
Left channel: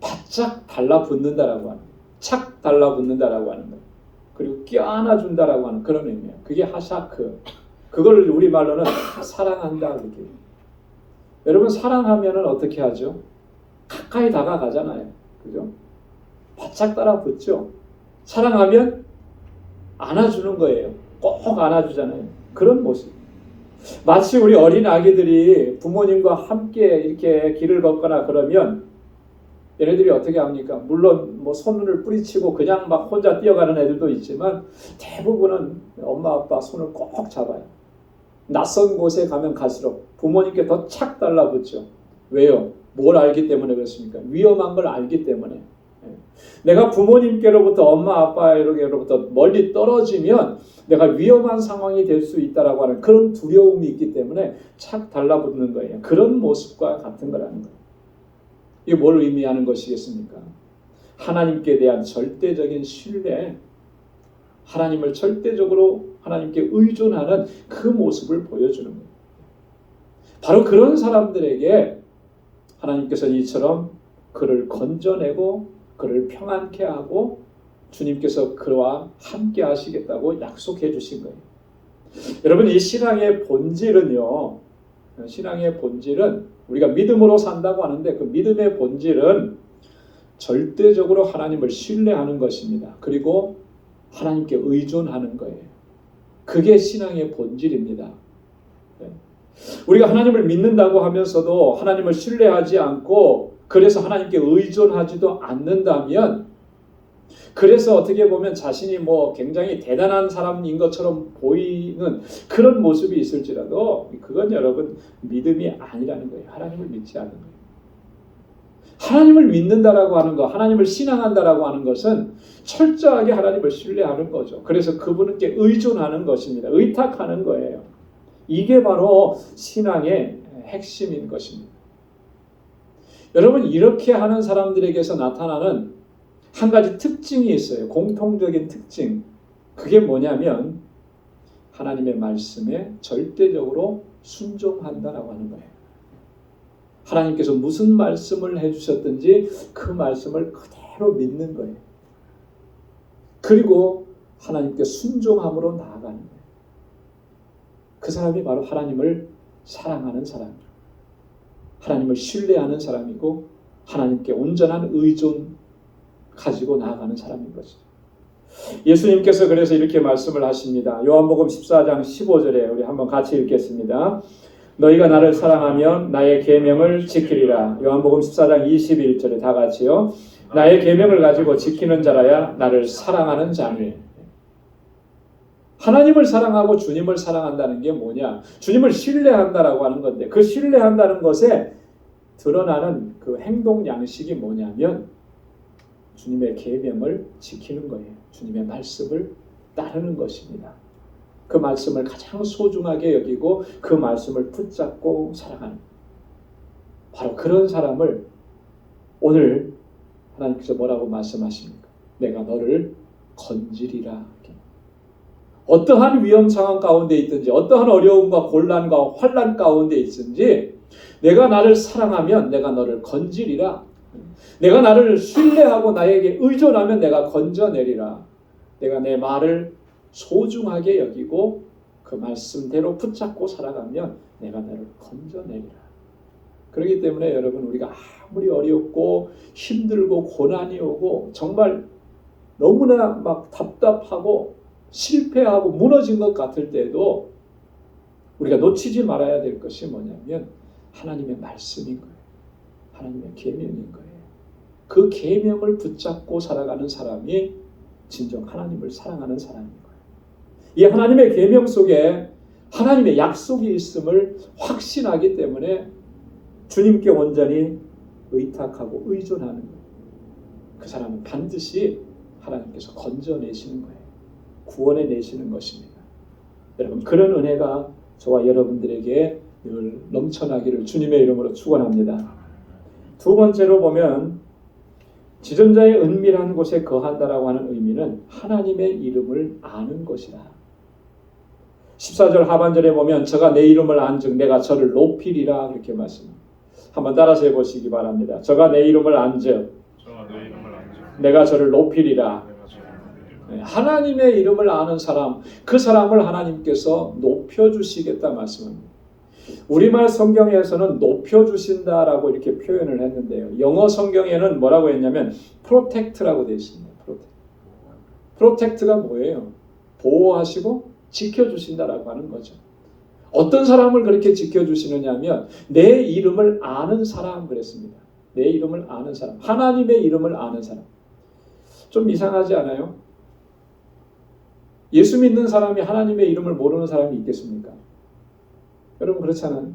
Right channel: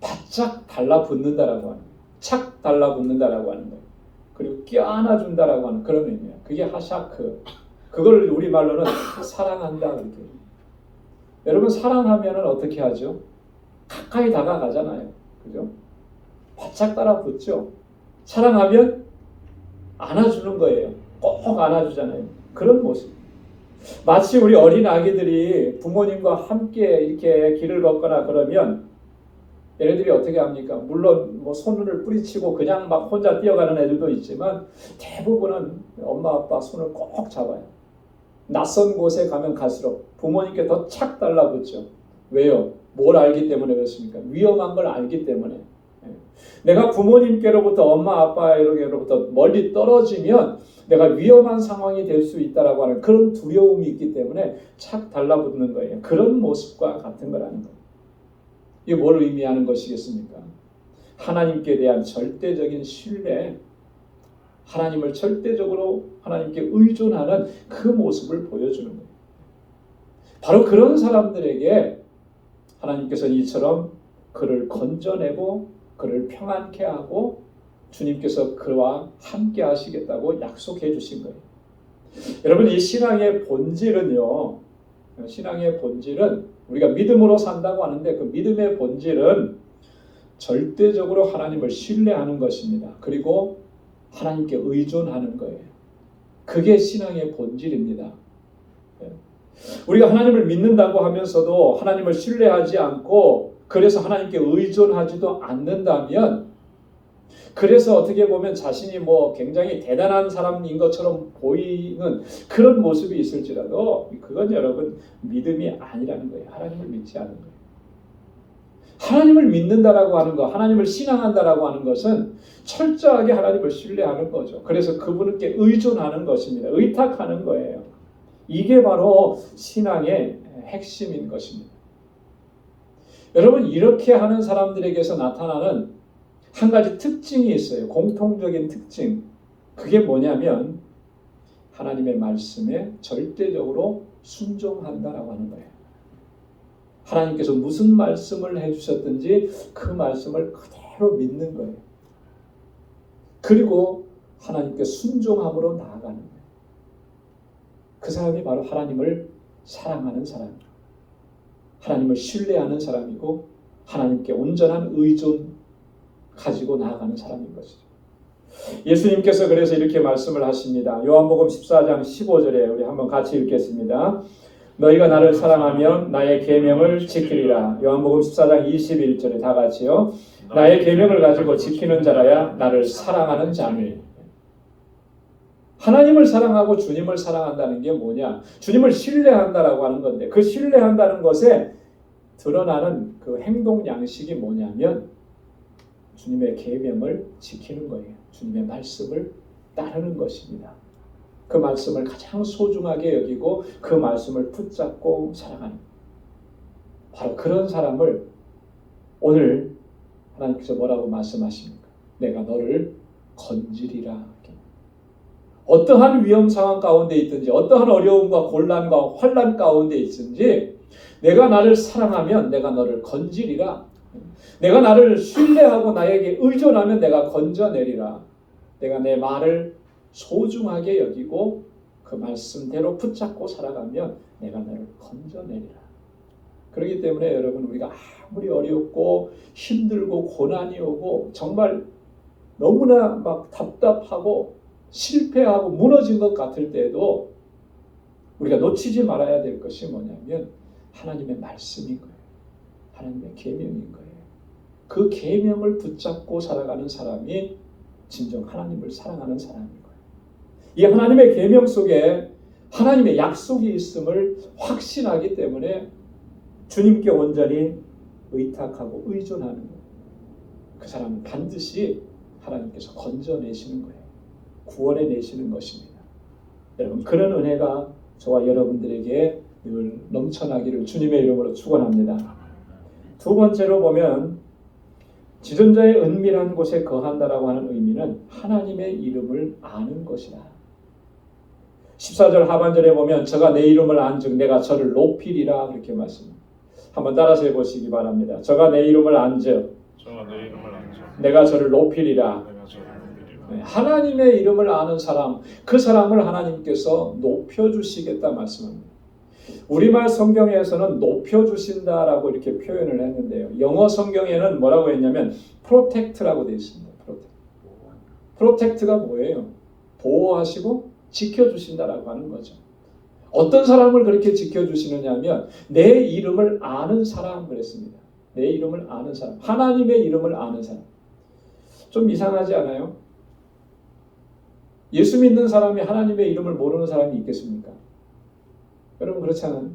바짝 달라붙는다라고 합니다. 착 달라붙는다라고 하는 거예요. 그리고 껴안아준다라고 하는 그런 의미예요. 그게 하샤크. 그걸 우리말로는 사랑한다 그렇게 해요. 여러분 사랑하면은 어떻게 하죠? 가까이 다가가잖아요. 그죠? 바짝 따라 붙죠. 사랑하면 안아주는 거예요. 꼭 안아주잖아요. 그런 모습. 마치 우리 어린 아기들이 부모님과 함께 이렇게 길을 걷거나 그러면 얘네들이 어떻게 합니까? 물론 뭐 손을 뿌리치고 그냥 막 혼자 뛰어가는 애들도 있지만 대부분은 엄마 아빠 손을 꼭 잡아요. 낯선 곳에 가면 갈수록 부모님께 더 착 달라붙죠. 왜요? 뭘 알기 때문에 그렇습니까? 위험한 걸 알기 때문에. 내가 부모님께로부터 엄마 아빠에게로부터 멀리 떨어지면 내가 위험한 상황이 될 수 있다라고 하는 그런 두려움이 있기 때문에 착 달라붙는 거예요. 그런 모습과 같은 거라는 거예요. 이게 뭘 의미하는 것이겠습니까? 하나님께 대한 절대적인 신뢰, 하나님을 절대적으로 하나님께 의존하는 그 모습을 보여주는 거예요. 바로 그런 사람들에게 하나님께서 이처럼 그를 건져내고 그를 평안케 하고 주님께서 그와 함께 하시겠다고 약속해 주신 거예요. 여러분 이 신앙의 본질은요. 신앙의 본질은 우리가 믿음으로 산다고 하는데 그 믿음의 본질은 절대적으로 하나님을 신뢰하는 것입니다. 그리고 하나님께 의존하는 거예요. 그게 신앙의 본질입니다. 우리가 하나님을 믿는다고 하면서도 하나님을 신뢰하지 않고 그래서 하나님께 의존하지도 않는다면 그래서 어떻게 보면 자신이 뭐 굉장히 대단한 사람인 것처럼 보이는 그런 모습이 있을지라도 그건 여러분 믿음이 아니라는 거예요. 하나님을 믿지 않는 거예요. 하나님을 믿는다라고 하는 거, 하나님을 신앙한다라고 하는 것은 철저하게 하나님을 신뢰하는 거죠. 그래서 그분께 의존하는 것입니다. 의탁하는 거예요. 이게 바로 신앙의 핵심인 것입니다. 여러분 이렇게 하는 사람들에게서 나타나는 한 가지 특징이 있어요. 공통적인 특징. 그게 뭐냐면 하나님의 말씀에 절대적으로 순종한다라고 하는 거예요. 하나님께서 무슨 말씀을 해주셨든지 그 말씀을 그대로 믿는 거예요. 그리고 하나님께 순종함으로 나아가는 거예요. 그 사람이 바로 하나님을 사랑하는 사람이에요. 하나님을 신뢰하는 사람이고 하나님께 온전한 의존 가지고 나아가는 사람인 것이죠. 예수님께서 그래서 이렇게 말씀을 하십니다. 요한복음 14장 15절에 우리 한번 같이 읽겠습니다. 너희가 나를 사랑하면 나의 계명을 지키리라. 요한복음 14장 21절에 다 같이요. 나의 계명을 가지고 지키는 자라야 나를 사랑하는 자니. 하나님을 사랑하고 주님을 사랑한다는 게 뭐냐? 주님을 신뢰한다라고 하는 건데 그 신뢰한다는 것에 드러나는 그 행동 양식이 뭐냐면 주님의 계명을 지키는 거예요. 주님의 말씀을 따르는 것입니다. 그 말씀을 가장 소중하게 여기고 그 말씀을 붙잡고 살아가는 바로 그런 사람을 오늘 하나님께서 뭐라고 말씀하십니까? 내가 너를 건지리라. 어떠한 위험 상황 가운데 있든지 어떠한 어려움과 곤란과 환난 가운데 있든지 내가 나를 사랑하면 내가 너를 건지리라. 내가 나를 신뢰하고 나에게 의존하면 내가 건져내리라. 내가 내 말을 소중하게 여기고 그 말씀대로 붙잡고 살아가면 내가 너를 건져내리라. 그렇기 때문에 여러분 우리가 아무리 어렵고 힘들고 고난이 오고 정말 너무나 막 답답하고 실패하고 무너진 것 같을 때에도 우리가 놓치지 말아야 될 것이 뭐냐면 하나님의 말씀인 거예요. 하나님의 계명인 거예요. 그 계명을 붙잡고 살아가는 사람이 진정 하나님을 사랑하는 사람인 거예요. 이 하나님의 계명 속에 하나님의 약속이 있음을 확신하기 때문에 주님께 온전히 의탁하고 의존하는 거예요. 그 사람은 반드시 하나님께서 건져내시는 거예요. 구원해내시는 것입니다. 여러분 그런 은혜가 저와 여러분들에게 늘 넘쳐나기를 주님의 이름으로 축원합니다. 두 번째로 보면 지존자의 은밀한 곳에 거한다라고 하는 의미는 하나님의 이름을 아는 것이다. 14절 하반절에 보면 저가 내 이름을 안즉 내가 저를 높이리라 그렇게 말씀합니다. 한번 따라서 해보시기 바랍니다. 저가 내 이름을 안즉 내가 저를 높이리라. 하나님의 이름을 아는 사람, 그 사람을 하나님께서 높여주시겠다 말씀합니다. 우리말 성경에서는 높여주신다라고 이렇게 표현을 했는데요. 영어 성경에는 뭐라고 했냐면 protect라고 되어 있습니다. protect가 뭐예요? 보호하시고 지켜주신다라고 하는 거죠. 어떤 사람을 그렇게 지켜주시느냐 하면 내 이름을 아는 사람 그랬습니다. 내 이름을 아는 사람, 하나님의 이름을 아는 사람. 좀 이상하지 않아요? 예수 믿는 사람이 하나님의 이름을 모르는 사람이 있겠습니까? 여러분 그렇잖아요.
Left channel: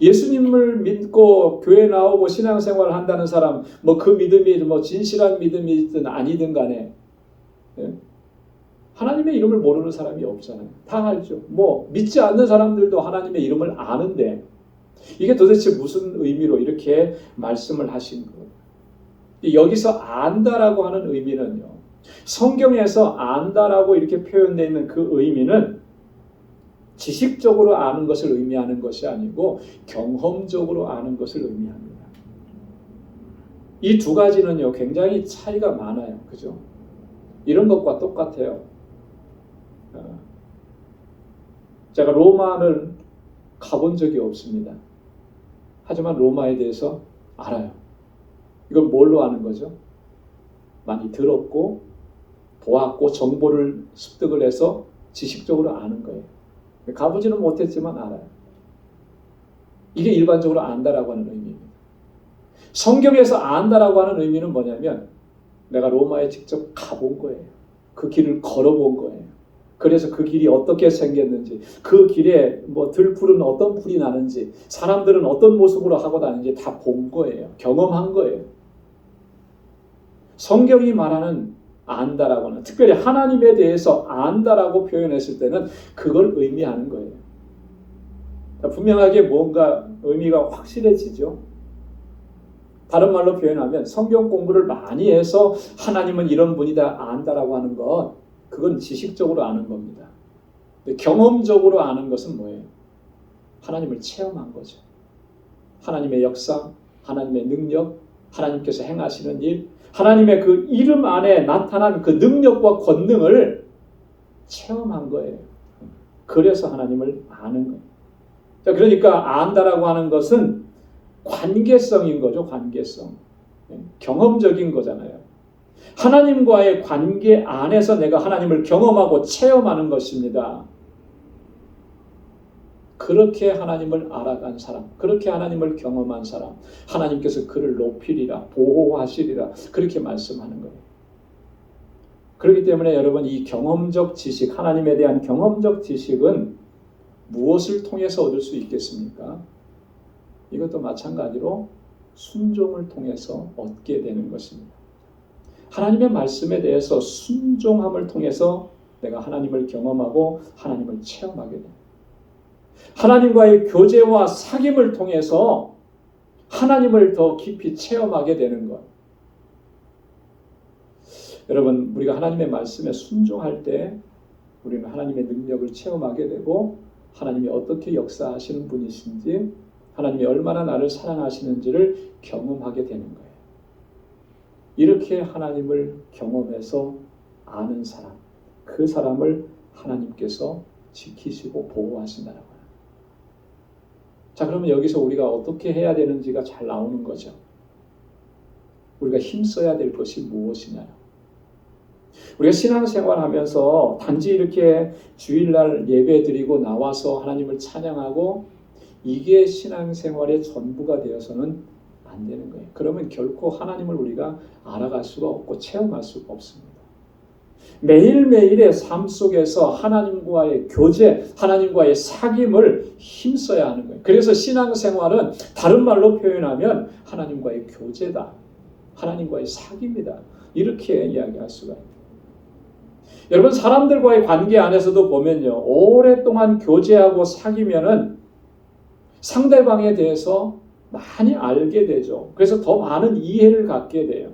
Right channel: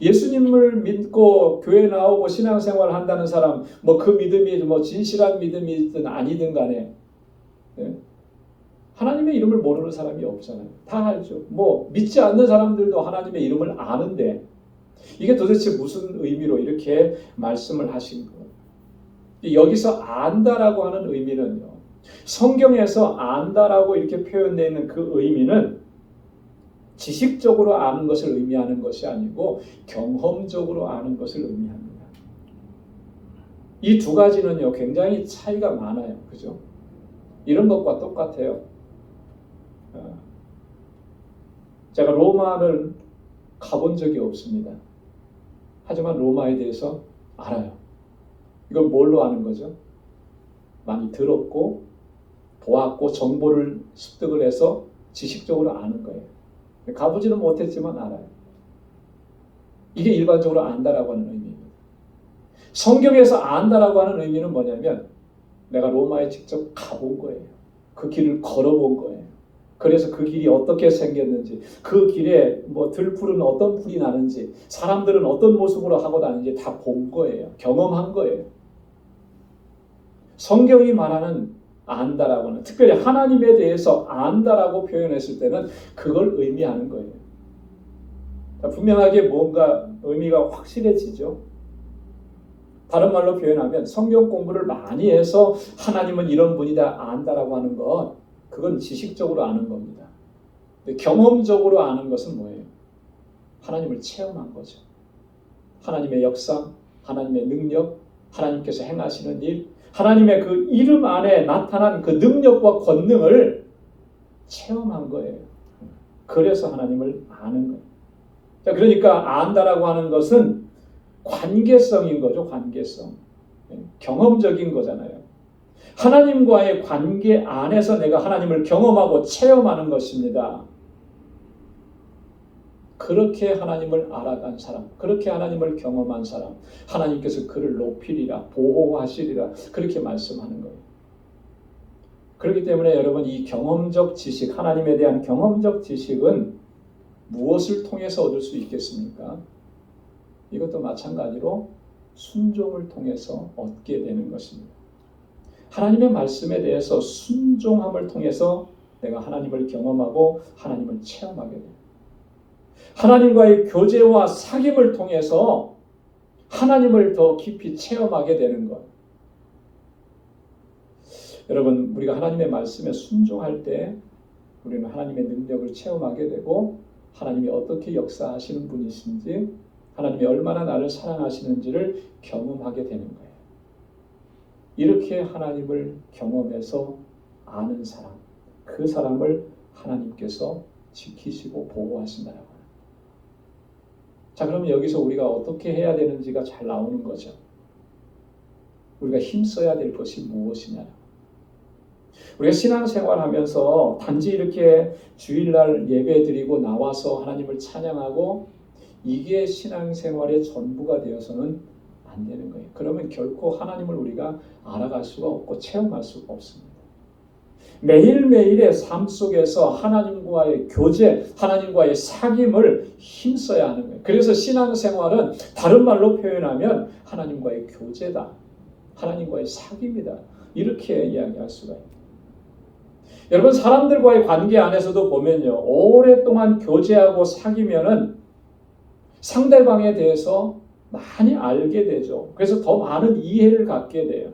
예수님을 믿고 교회 나오고 신앙생활을 한다는 사람, 뭐 그 믿음이 뭐 진실한 믿음이든 아니든 간에 하나님의 이름을 모르는 사람이 없잖아요. 다 알죠. 뭐 믿지 않는 사람들도 하나님의 이름을 아는데 이게 도대체 무슨 의미로 이렇게 말씀을 하신 거예요? 여기서 안다라고 하는 의미는요. 성경에서 안다라고 이렇게 표현되어 있는 그 의미는 지식적으로 아는 것을 의미하는 것이 아니고 경험적으로 아는 것을 의미합니다. 이 두 가지는요 굉장히 차이가 많아요. 그죠? 이런 것과 똑같아요. 제가 로마를 가본 적이 없습니다. 하지만 로마에 대해서 알아요. 이건 뭘로 아는 거죠? 많이 들었고 보았고 정보를 습득을 해서 지식적으로 아는 거예요. 가보지는 못했지만 알아요. 이게 일반적으로 안다라고 하는 의미입니다. 성경에서 안다라고 하는 의미는 뭐냐면 내가 로마에 직접 가본 거예요. 그 길을 걸어본 거예요. 그래서 그 길이 어떻게 생겼는지, 그 길에 뭐 들풀은 어떤 풀이 나는지, 사람들은 어떤 모습으로 하고 다니는지 다 본 거예요. 경험한 거예요. 성경이 말하는 안다라고 하는, 특별히 하나님에 대해서 안다라고 표현했을 때는 그걸 의미하는 거예요. 분명하게 뭔가 의미가 확실해지죠. 다른 말로 표현하면 성경 공부를 많이 해서 하나님은 이런 분이다 안다라고 하는 건 그건 지식적으로 아는 겁니다. 근데 경험적으로 아는 것은 뭐예요? 하나님을 체험한 거죠. 하나님의 역사, 하나님의 능력, 하나님께서 행하시는 일, 하나님의 그 이름 안에 나타난 그 능력과 권능을 체험한 거예요. 그래서 하나님을 아는 거예요. 자, 그러니까 안다라고 하는 것은 관계성인 거죠. 관계성. 경험적인 거잖아요. 하나님과의 관계 안에서 내가 하나님을 경험하고 체험하는 것입니다. 그렇게 하나님을 알아간 사람, 그렇게 하나님을 경험한 사람, 하나님께서 그를 높이리라, 보호하시리라 그렇게 말씀하는 거예요. 그렇기 때문에 여러분 이 경험적 지식, 하나님에 대한 경험적 지식은 무엇을 통해서 얻을 수 있겠습니까? 이것도 마찬가지로 순종을 통해서 얻게 되는 것입니다. 하나님의 말씀에 대해서 순종함을 통해서 내가 하나님을 경험하고 하나님을 체험하게 됩니다. 하나님과의 교제와 사귐을 통해서 하나님을 더 깊이 체험하게 되는 것. 여러분, 우리가 하나님의 말씀에 순종할 때 우리는 하나님의 능력을 체험하게 되고 하나님이 어떻게 역사하시는 분이신지, 하나님이 얼마나 나를 사랑하시는지를 경험하게 되는 거예요. 이렇게 하나님을 경험해서 아는 사람, 그 사람을 하나님께서 지키시고 보호하신다라고 합니다. 자, 그러면 여기서 우리가 어떻게 해야 되는지가 잘 나오는 거죠. 우리가 힘써야 될 것이 무엇이냐. 우리가 신앙생활하면서 단지 이렇게 주일날 예배 드리고 나와서 하나님을 찬양하고 이게 신앙생활의 전부가 되어서는 안 되는 거예요. 그러면 결코 하나님을 우리가 알아갈 수가 없고 체험할 수가 없습니다. 매일매일의 삶 속에서 하나님과의 교제, 하나님과의 사귐을 힘써야 하는 거예요. 그래서 신앙생활은 다른 말로 표현하면 하나님과의 교제다. 하나님과의 사귐이다. 이렇게 이야기할 수가 있습니다. 여러분, 사람들과의 관계 안에서도 보면요, 오랫동안 교제하고 사귀면은 상대방에 대해서 많이 알게 되죠. 그래서 더 많은 이해를 갖게 돼요.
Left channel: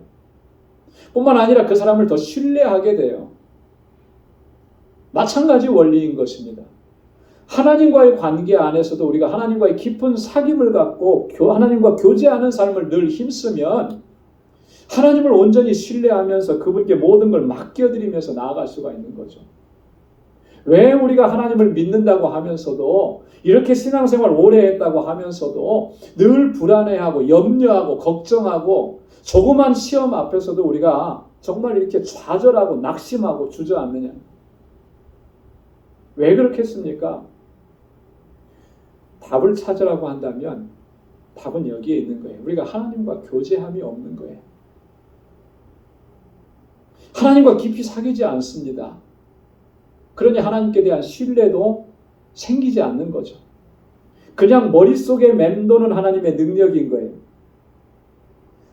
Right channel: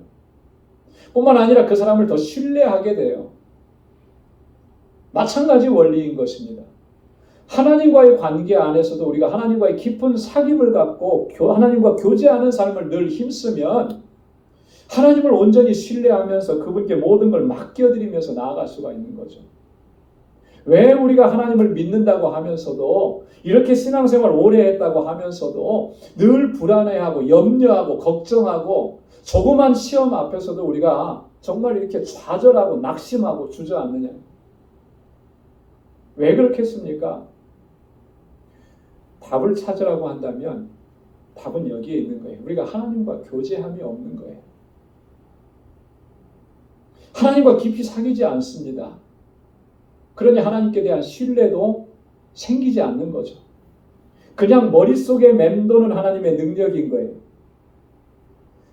뿐만 아니라 그 사람을 더 신뢰하게 돼요. 마찬가지 원리인 것입니다. 하나님과의 관계 안에서도 우리가 하나님과의 깊은 사귐을 갖고 하나님과 교제하는 삶을 늘 힘쓰면 하나님을 온전히 신뢰하면서 그분께 모든 걸 맡겨드리면서 나아갈 수가 있는 거죠. 왜 우리가 하나님을 믿는다고 하면서도 이렇게 신앙생활 오래 했다고 하면서도 늘 불안해하고 염려하고 걱정하고 조그만 시험 앞에서도 우리가 정말 이렇게 좌절하고 낙심하고 주저앉느냐? 왜 그렇겠습니까? 답을 찾으라고 한다면 답은 여기에 있는 거예요. 우리가 하나님과 교제함이 없는 거예요. 하나님과 깊이 사귀지 않습니다. 그러니 하나님께 대한 신뢰도 생기지 않는 거죠. 그냥 머릿속에 맴도는 하나님의 능력인 거예요.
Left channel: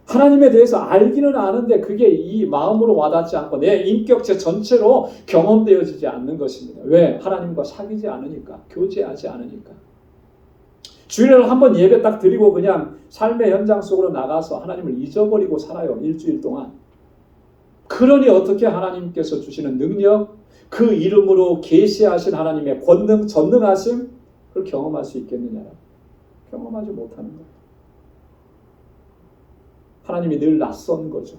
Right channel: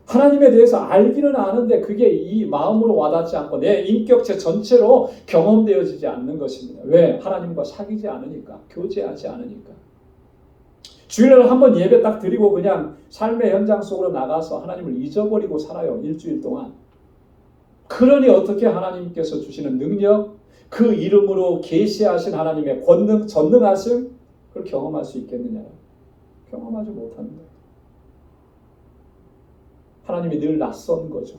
하나님에 대해서 알기는 아는데 그게 이 마음으로 와닿지 않고 내 인격체 전체로 경험되어지지 않는 것입니다. 왜? 하나님과 사귀지 않으니까, 교제하지 않으니까. 주일날 한번 예배 딱 드리고 그냥 삶의 현장 속으로 나가서 하나님을 잊어버리고 살아요. 일주일 동안. 그러니 어떻게 하나님께서 주시는 능력, 그 이름으로 계시하신 하나님의 권능, 전능하심, 그걸 경험할 수 있겠느냐? 경험하지 못하는 거예요. 하나님이 늘 낯선 거죠.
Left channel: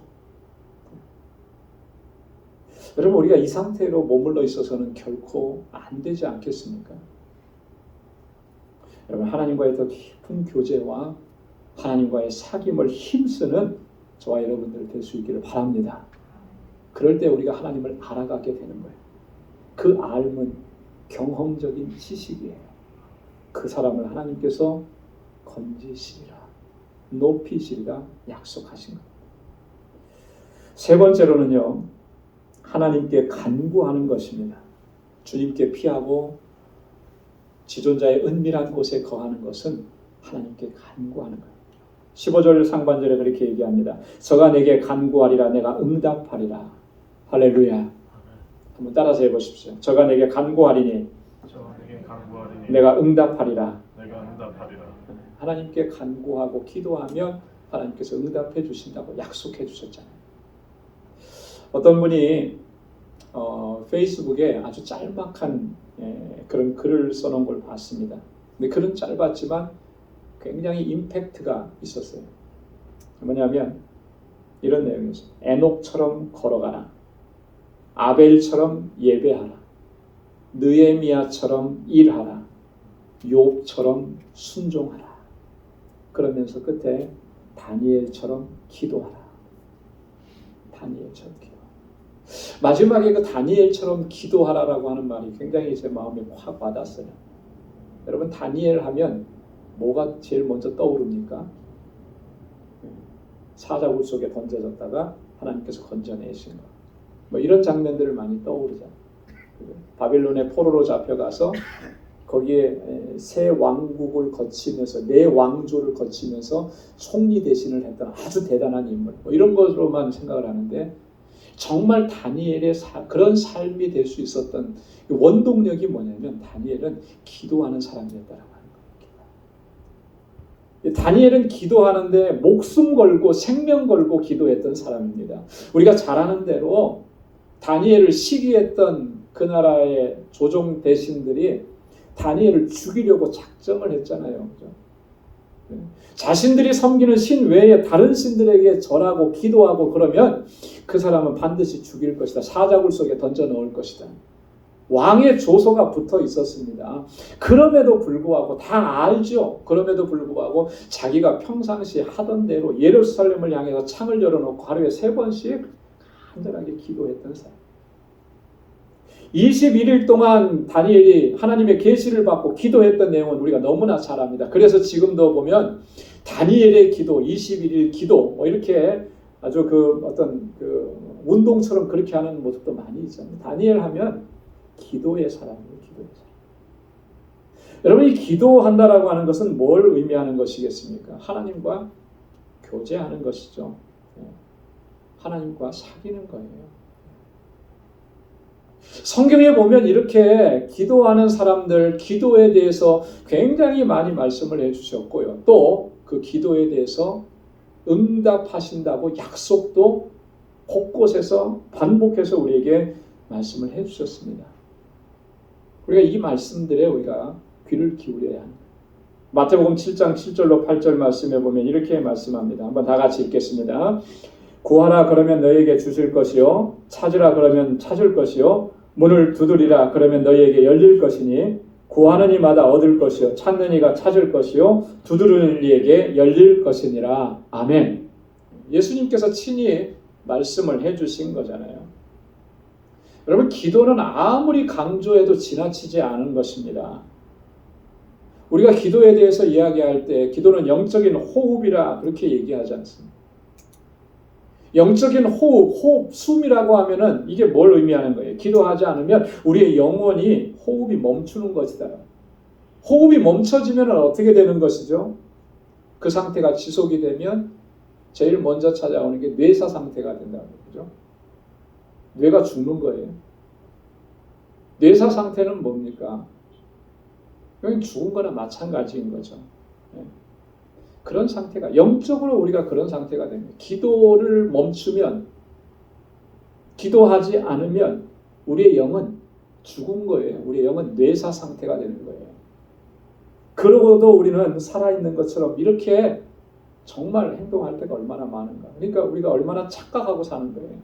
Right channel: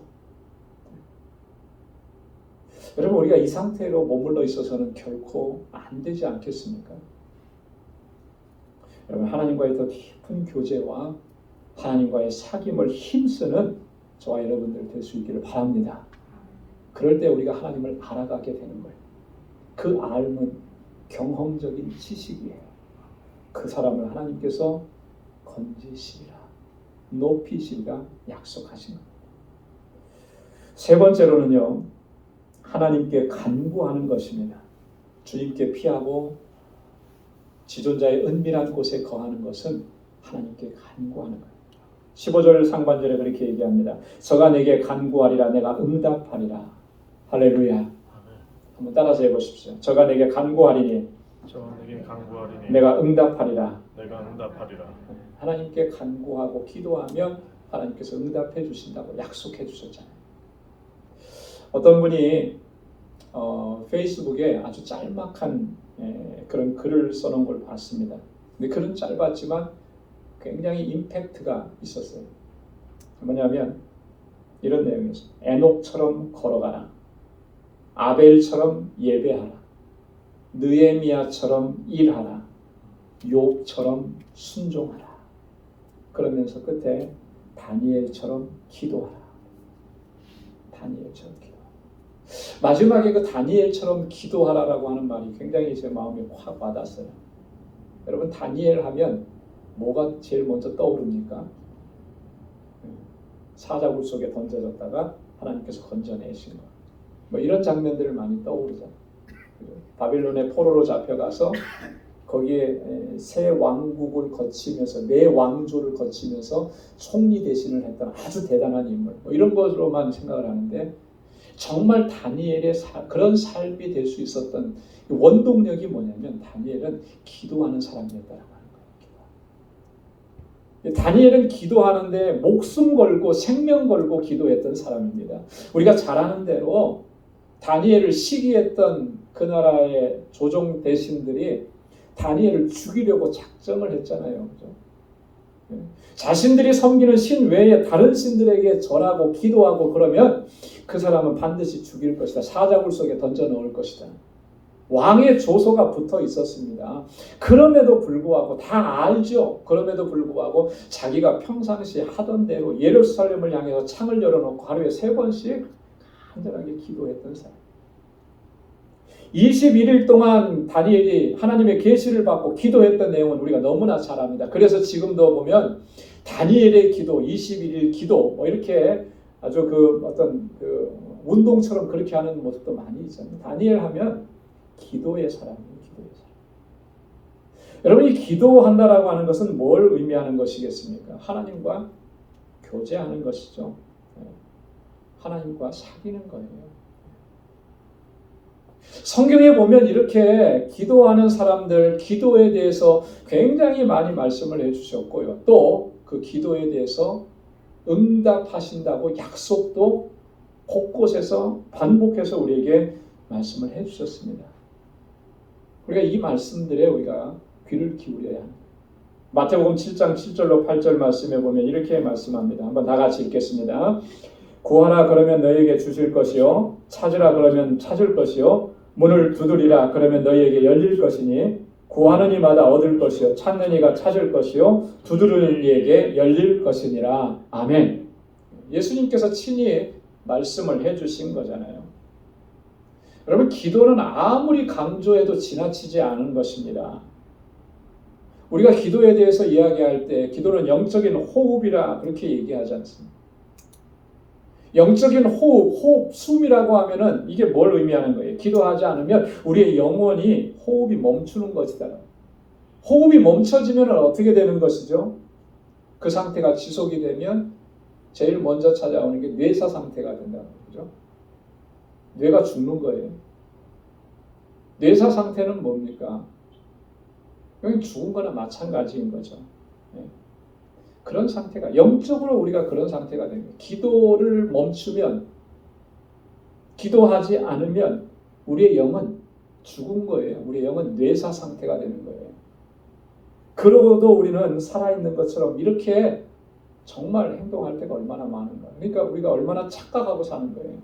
여러분, 우리가 이 상태로 머물러 있어서는 결코 안 되지 않겠습니까? 여러분, 하나님과의 더 깊은 교제와 하나님과의 사귐을 힘쓰는 저와 여러분들 될 수 있기를 바랍니다. 그럴 때 우리가 하나님을 알아가게 되는 거예요. 그 알은 경험적인 지식이에요. 그 사람을 하나님께서 건지시리라, 높이시리라 약속하신 겁니다. 세 번째로는요, 하나님께 간구하는 것입니다. 주님께 피하고 지존자의 은밀한 곳에 거하는 것은 하나님께 간구하는 거예요. 15절 상반절에 그렇게 얘기합니다. 저가 내게 간구하리라, 내가 응답하리라. 할렐루야. 한번 따라서 해보십시오. 저가 내게 간구하리니 내가 응답하리라. 하나님께 간구하고 기도하면 하나님께서 응답해 주신다고 약속해 주셨잖아요. 어떤 분이 페이스북에 아주 짤막한 그런 글을 써놓은 걸 봤습니다. 근데 글은 짧았지만 굉장히 임팩트가 있었어요. 뭐냐면 이런 내용이었어요. 에녹처럼 걸어가라. 아벨처럼 예배하라. 느헤미야처럼 일하라. 욥처럼 순종하라. 그러면서 끝에 다니엘처럼 기도하라. 다니엘처럼 기도하라. 마지막에 그 다니엘처럼 기도하라라고 하는 말이 굉장히 제 마음에 확 와닿았어요. 여러분, 다니엘 하면 뭐가 제일 먼저 떠오릅니까? 사자굴 속에 던져졌다가 하나님께서 건져내신 거. 뭐 이런 장면들을 많이 떠오르잖아요. 바빌론의 포로로 잡혀가서 거기에 세 왕국을 거치면서 네 왕조를 거치면서 총리 대신을 했던 아주 대단한 인물. 뭐 이런 것으로만 생각을 하는데 정말 다니엘의 그런 삶이 될 수 있었던 원동력이 뭐냐면 다니엘은 기도하는 사람이었다라고 하는 거예요. 다니엘은 기도하는데 목숨 걸고 생명 걸고 기도했던 사람입니다. 우리가 잘 아는 대로 다니엘을 시기했던 그 나라의 조정 대신들이 다니엘을 죽이려고 작정을 했잖아요. 자신들이 섬기는 신 외에 다른 신들에게 절하고 기도하고 그러면 그 사람은 반드시 죽일 것이다. 사자굴 속에 던져 넣을 것이다. 왕의 조서가 붙어 있었습니다. 그럼에도 불구하고 다 알죠. 그럼에도 불구하고 자기가 평상시 하던 대로 예루살렘을 향해서 창을 열어놓고 하루에 3번씩 간절하게 기도했던 사람. 21일 동안 다니엘이 하나님의 계시를 받고 기도했던 내용은 우리가 너무나 잘 압니다. 그래서 지금도 보면 다니엘의 기도, 21일 기도 뭐 이렇게 아주 그 어떤 그 운동처럼 그렇게 하는 모습도 많이 있죠. 다니엘 하면 기도의 사람이에요. 기도의 사람. 여러분, 이 기도한다라고 하는 것은 뭘 의미하는 것이겠습니까? 하나님과 교제하는 것이죠. 하나님과 사귀는 거예요. 성경에 보면 이렇게 기도하는 사람들, 기도에 대해서 굉장히 많이 말씀을 해주셨고요. 또 그 기도에 대해서 응답하신다고 약속도 곳곳에서 반복해서 우리에게 말씀을 해주셨습니다. 우리가 이 말씀들에 우리가 귀를 기울여야 합니다. 마태복음 7장 7절로 8절 말씀에 보면 이렇게 말씀합니다. 한번 다 같이 읽겠습니다. 구하라 그러면 너희에게 주실 것이요 찾으라 그러면 찾을 것이요 문을 두드리라 그러면 너희에게 열릴 것이니 구하는 이마다 얻을 것이요 찾는 이가 찾을 것이요 두드리는 이에게 열릴 것이니라. 아멘. 예수님께서 친히 말씀을 해주신 거잖아요. 여러분, 기도는 아무리 강조해도 지나치지 않은 것입니다. 우리가 기도에 대해서 이야기할 때 기도는 영적인 호흡이라 그렇게 얘기하지 않습니까? 영적인 호흡, 숨이라고 하면은 이게 뭘 의미하는 거예요? 기도하지 않으면 우리의 영혼이 호흡이 멈추는 것이다. 호흡이 멈춰지면 어떻게 되는 것이죠? 그 상태가 지속이 되면 제일 먼저 찾아오는 게 뇌사 상태가 된다는 거죠. 뇌가 죽는 거예요. 뇌사 상태는 뭡니까? 여기 죽은 거나 마찬가지인 거죠. 그런 상태가 영적으로 우리가 그런 상태가 됩니다. 기도를 멈추면, 기도하지 않으면 우리의 영은 죽은 거예요. 우리의 영은 뇌사 상태가 되는 거예요. 그러고도 우리는 살아있는 것처럼 이렇게 정말 행동할 때가 얼마나 많은가. 그러니까 우리가 얼마나 착각하고 사는 거예요.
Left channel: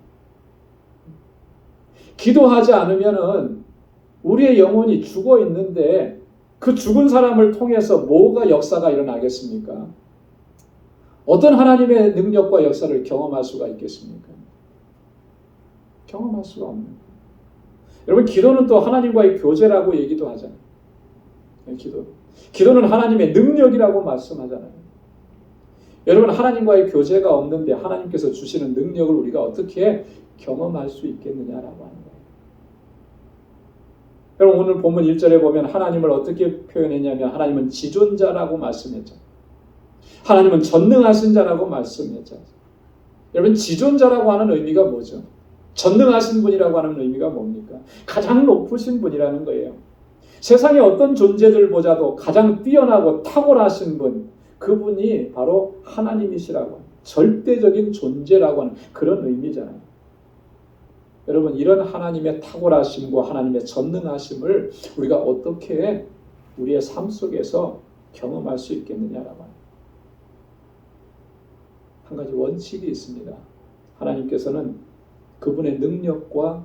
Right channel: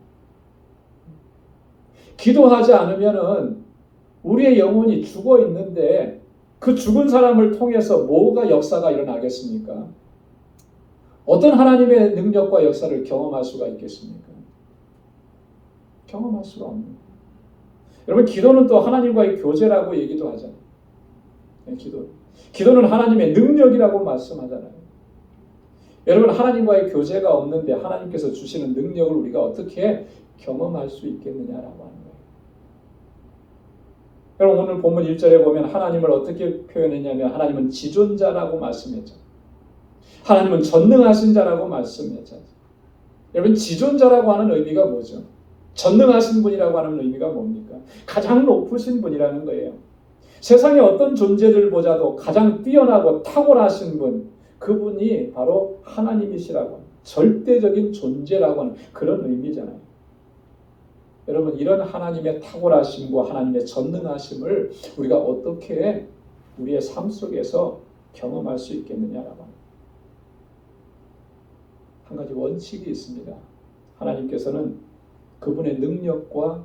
기도하지 않으면은 우리의 영혼이 죽어 있는데 그 죽은 사람을 통해서 뭐가 역사가 일어나겠습니까? 어떤 하나님의 능력과 역사를 경험할 수가 있겠습니까? 경험할 수가 없는 거예요. 여러분, 기도는 또 하나님과의 교제라고 얘기도 하잖아요. 기도는 하나님의 능력이라고 말씀하잖아요. 여러분, 하나님과의 교제가 없는데 하나님께서 주시는 능력을 우리가 어떻게 경험할 수 있겠느냐라고 하는 거예요. 여러분, 오늘 본문 1절에 보면 하나님을 어떻게 표현했냐면 하나님은 지존자라고 말씀했죠. 하나님은 전능하신 자라고 말씀했죠. 여러분, 지존자라고 하는 의미가 뭐죠? 전능하신 분이라고 하는 의미가 뭡니까? 가장 높으신 분이라는 거예요. 세상의 어떤 존재들보다도 가장 뛰어나고 탁월하신 분, 그분이 바로 하나님이시라고, 절대적인 존재라고 하는 그런 의미잖아요. 여러분, 이런 하나님의 탁월하심과 하나님의 전능하심을 우리가 어떻게 우리의 삶 속에서 경험할 수 있겠느냐라고. 한 가지 원칙이 있습니다. 하나님께서는 그분의 능력과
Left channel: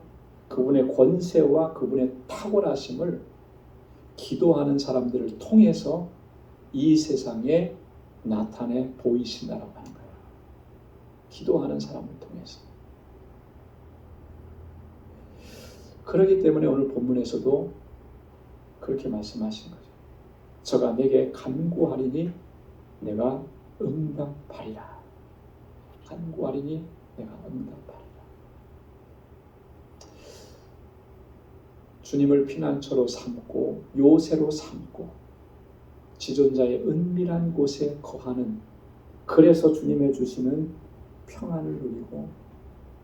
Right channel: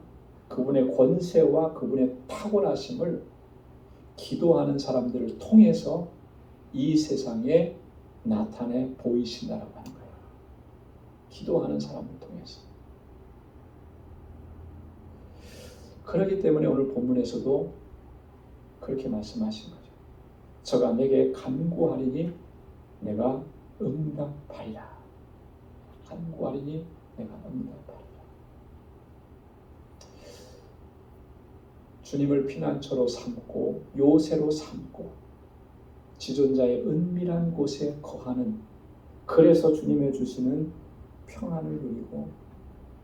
그분의 권세와 그분의 탁월하심을 기도하는 사람들을 통해서 이 세상에 나타내 보이신다라고 하는 거예요. 기도하는 사람을 통해서. 그렇기 때문에 오늘 본문에서도 그렇게 말씀하신 거죠. 저가 내게 간구하리니 내가 응답하리라. 간구하리니 내가 응답하리라. 주님을 피난처로 삼고 요새로 삼고 지존자의 은밀한 곳에 거하는, 그래서 주님의 주시는 평안을 누리고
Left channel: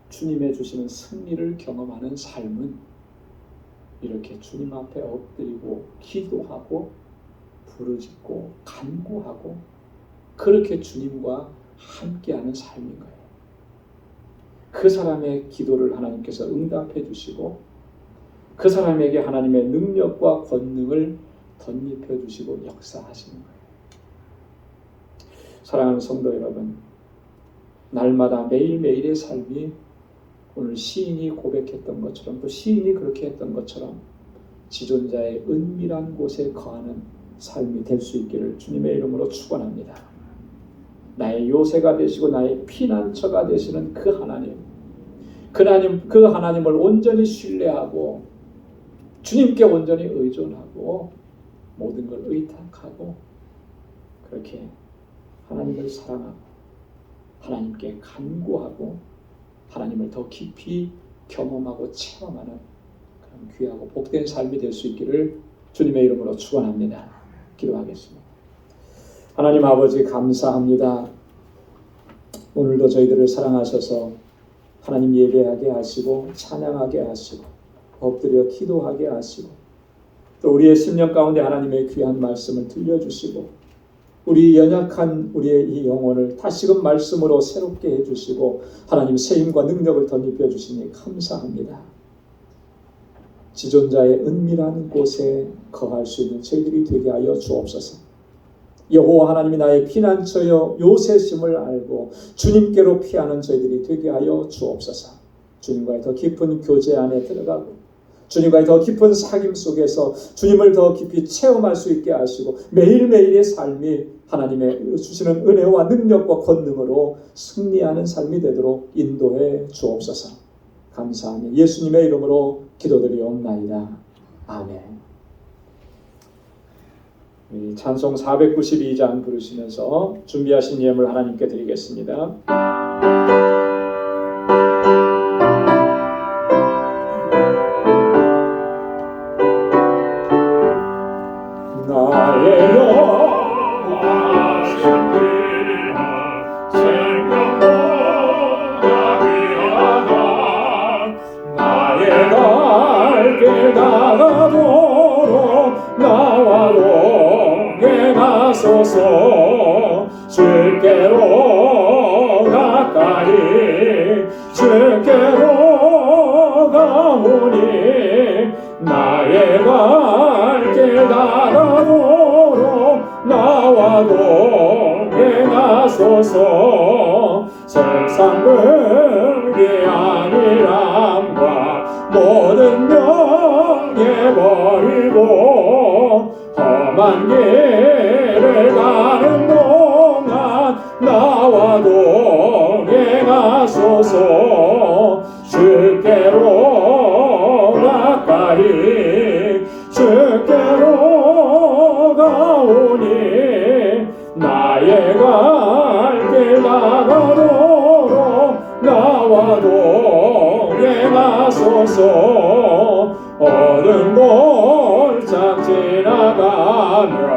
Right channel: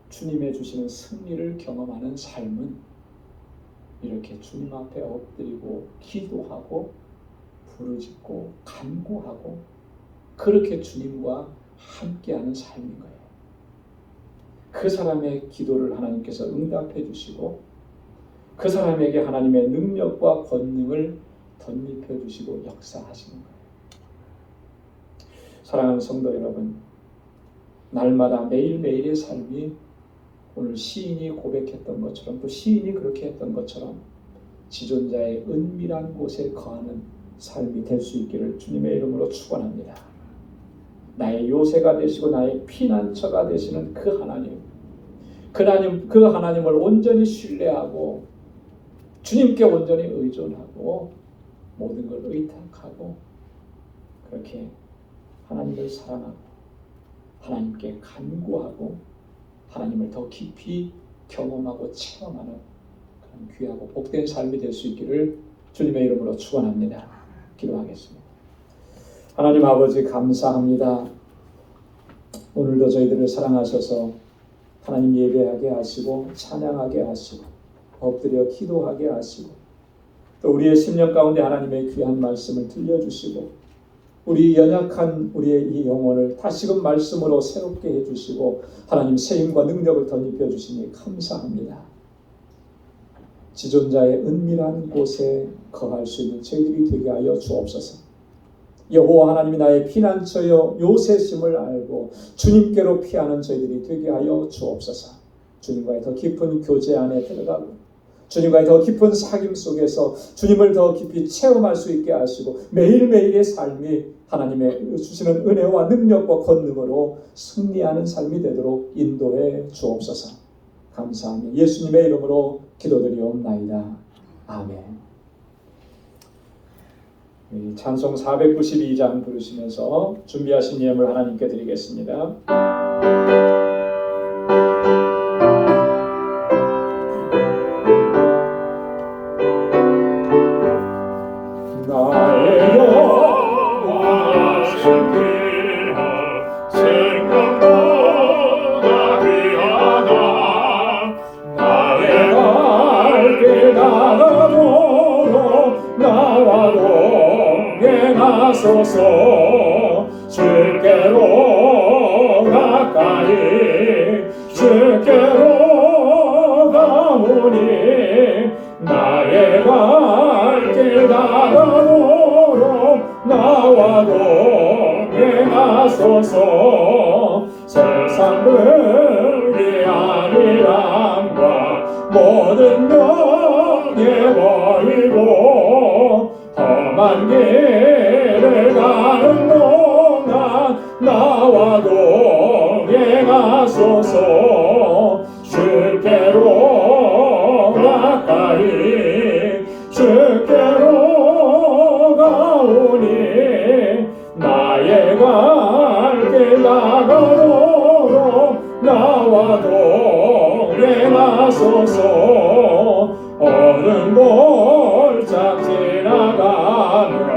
주님의 주시는 승리를 경험하는 삶은 이렇게 주님 앞에 엎드리고 기도하고 부르짖고 간구하고 그렇게 주님과 함께하는 삶인 거예요. 그 사람의 기도를 하나님께서 응답해 주시고 그 사람에게 하나님의 능력과 권능을 덧입혀 주시고 역사하시는 거예요. 사랑하는 성도 여러분, 날마다 매일매일의 삶이 오늘 시인이 고백했던 것처럼 또 시인이 그렇게 했던 것처럼 지존자의 은밀한 곳에 거하는 삶이 될 수 있기를 주님의 이름으로 축원합니다. 나의 요새가 되시고 나의 피난처가 되시는 그 하나님, 그 하나님을 온전히 신뢰하고 주님께 온전히 의존하고 모든 걸 의탁하고 그렇게 하나님을 사랑하고 하나님께 간구하고 하나님을 더 깊이 경험하고 체험하는 그런 귀하고 복된 삶이 될 수 있기를 주님의 이름으로 축원합니다. 기도하겠습니다. 하나님 아버지, 감사합니다. 오늘도 저희들을 사랑하셔서 하나님 예배하게 하시고 찬양하게 하시고 엎드려 기도하게 하시고 또 우리의 심령 가운데 하나님의 귀한 말씀을 들려주시고 우리 연약한 우리의 이 영혼을 다시금 말씀으로 새롭게 해주시고 하나님 새 힘과 능력을 덧입혀 주시니 감사합니다. 지존자의 은밀한 곳에 거할 수 있는 저희들이 되게 하여 주옵소서. 여호와 하나님이 나의 피난처여 요새심을 알고 주님께로 피하는 저희들이 되게 하여 주옵소서. 주님과의 더 깊은 교제 안에 들어가고 주님과의 더 깊은 사귐 속에서 주님을 더 깊이 체험할 수 있게 하시고 매일매일의 삶이 하나님의 주시는 은혜와 능력과 권능으로 승리하는 삶이 되도록 인도해 주옵소서. 감사하며 예수님의 이름으로 기도드리옵나이다. 아멘. 찬송 492장 부르시면서 준비하신 예물 하나님께 드리겠습니다. 나의 영원하신 귀한 생명보다 귀하다. 나의 갈길 나가도록 나와 동행 하소서. 주께로 가까이 주께로 가오니 나의 갈길 나가도록 나와 동행하소서. 세상 불리한 일함과 모든 명예 버리고 험한 길을 가는 동안 나와 동행하소서. 주께로 가까이 주께로 가오니 나의 갈길 나가도록 나와 동행하소서. 어두운 골짝 지나가며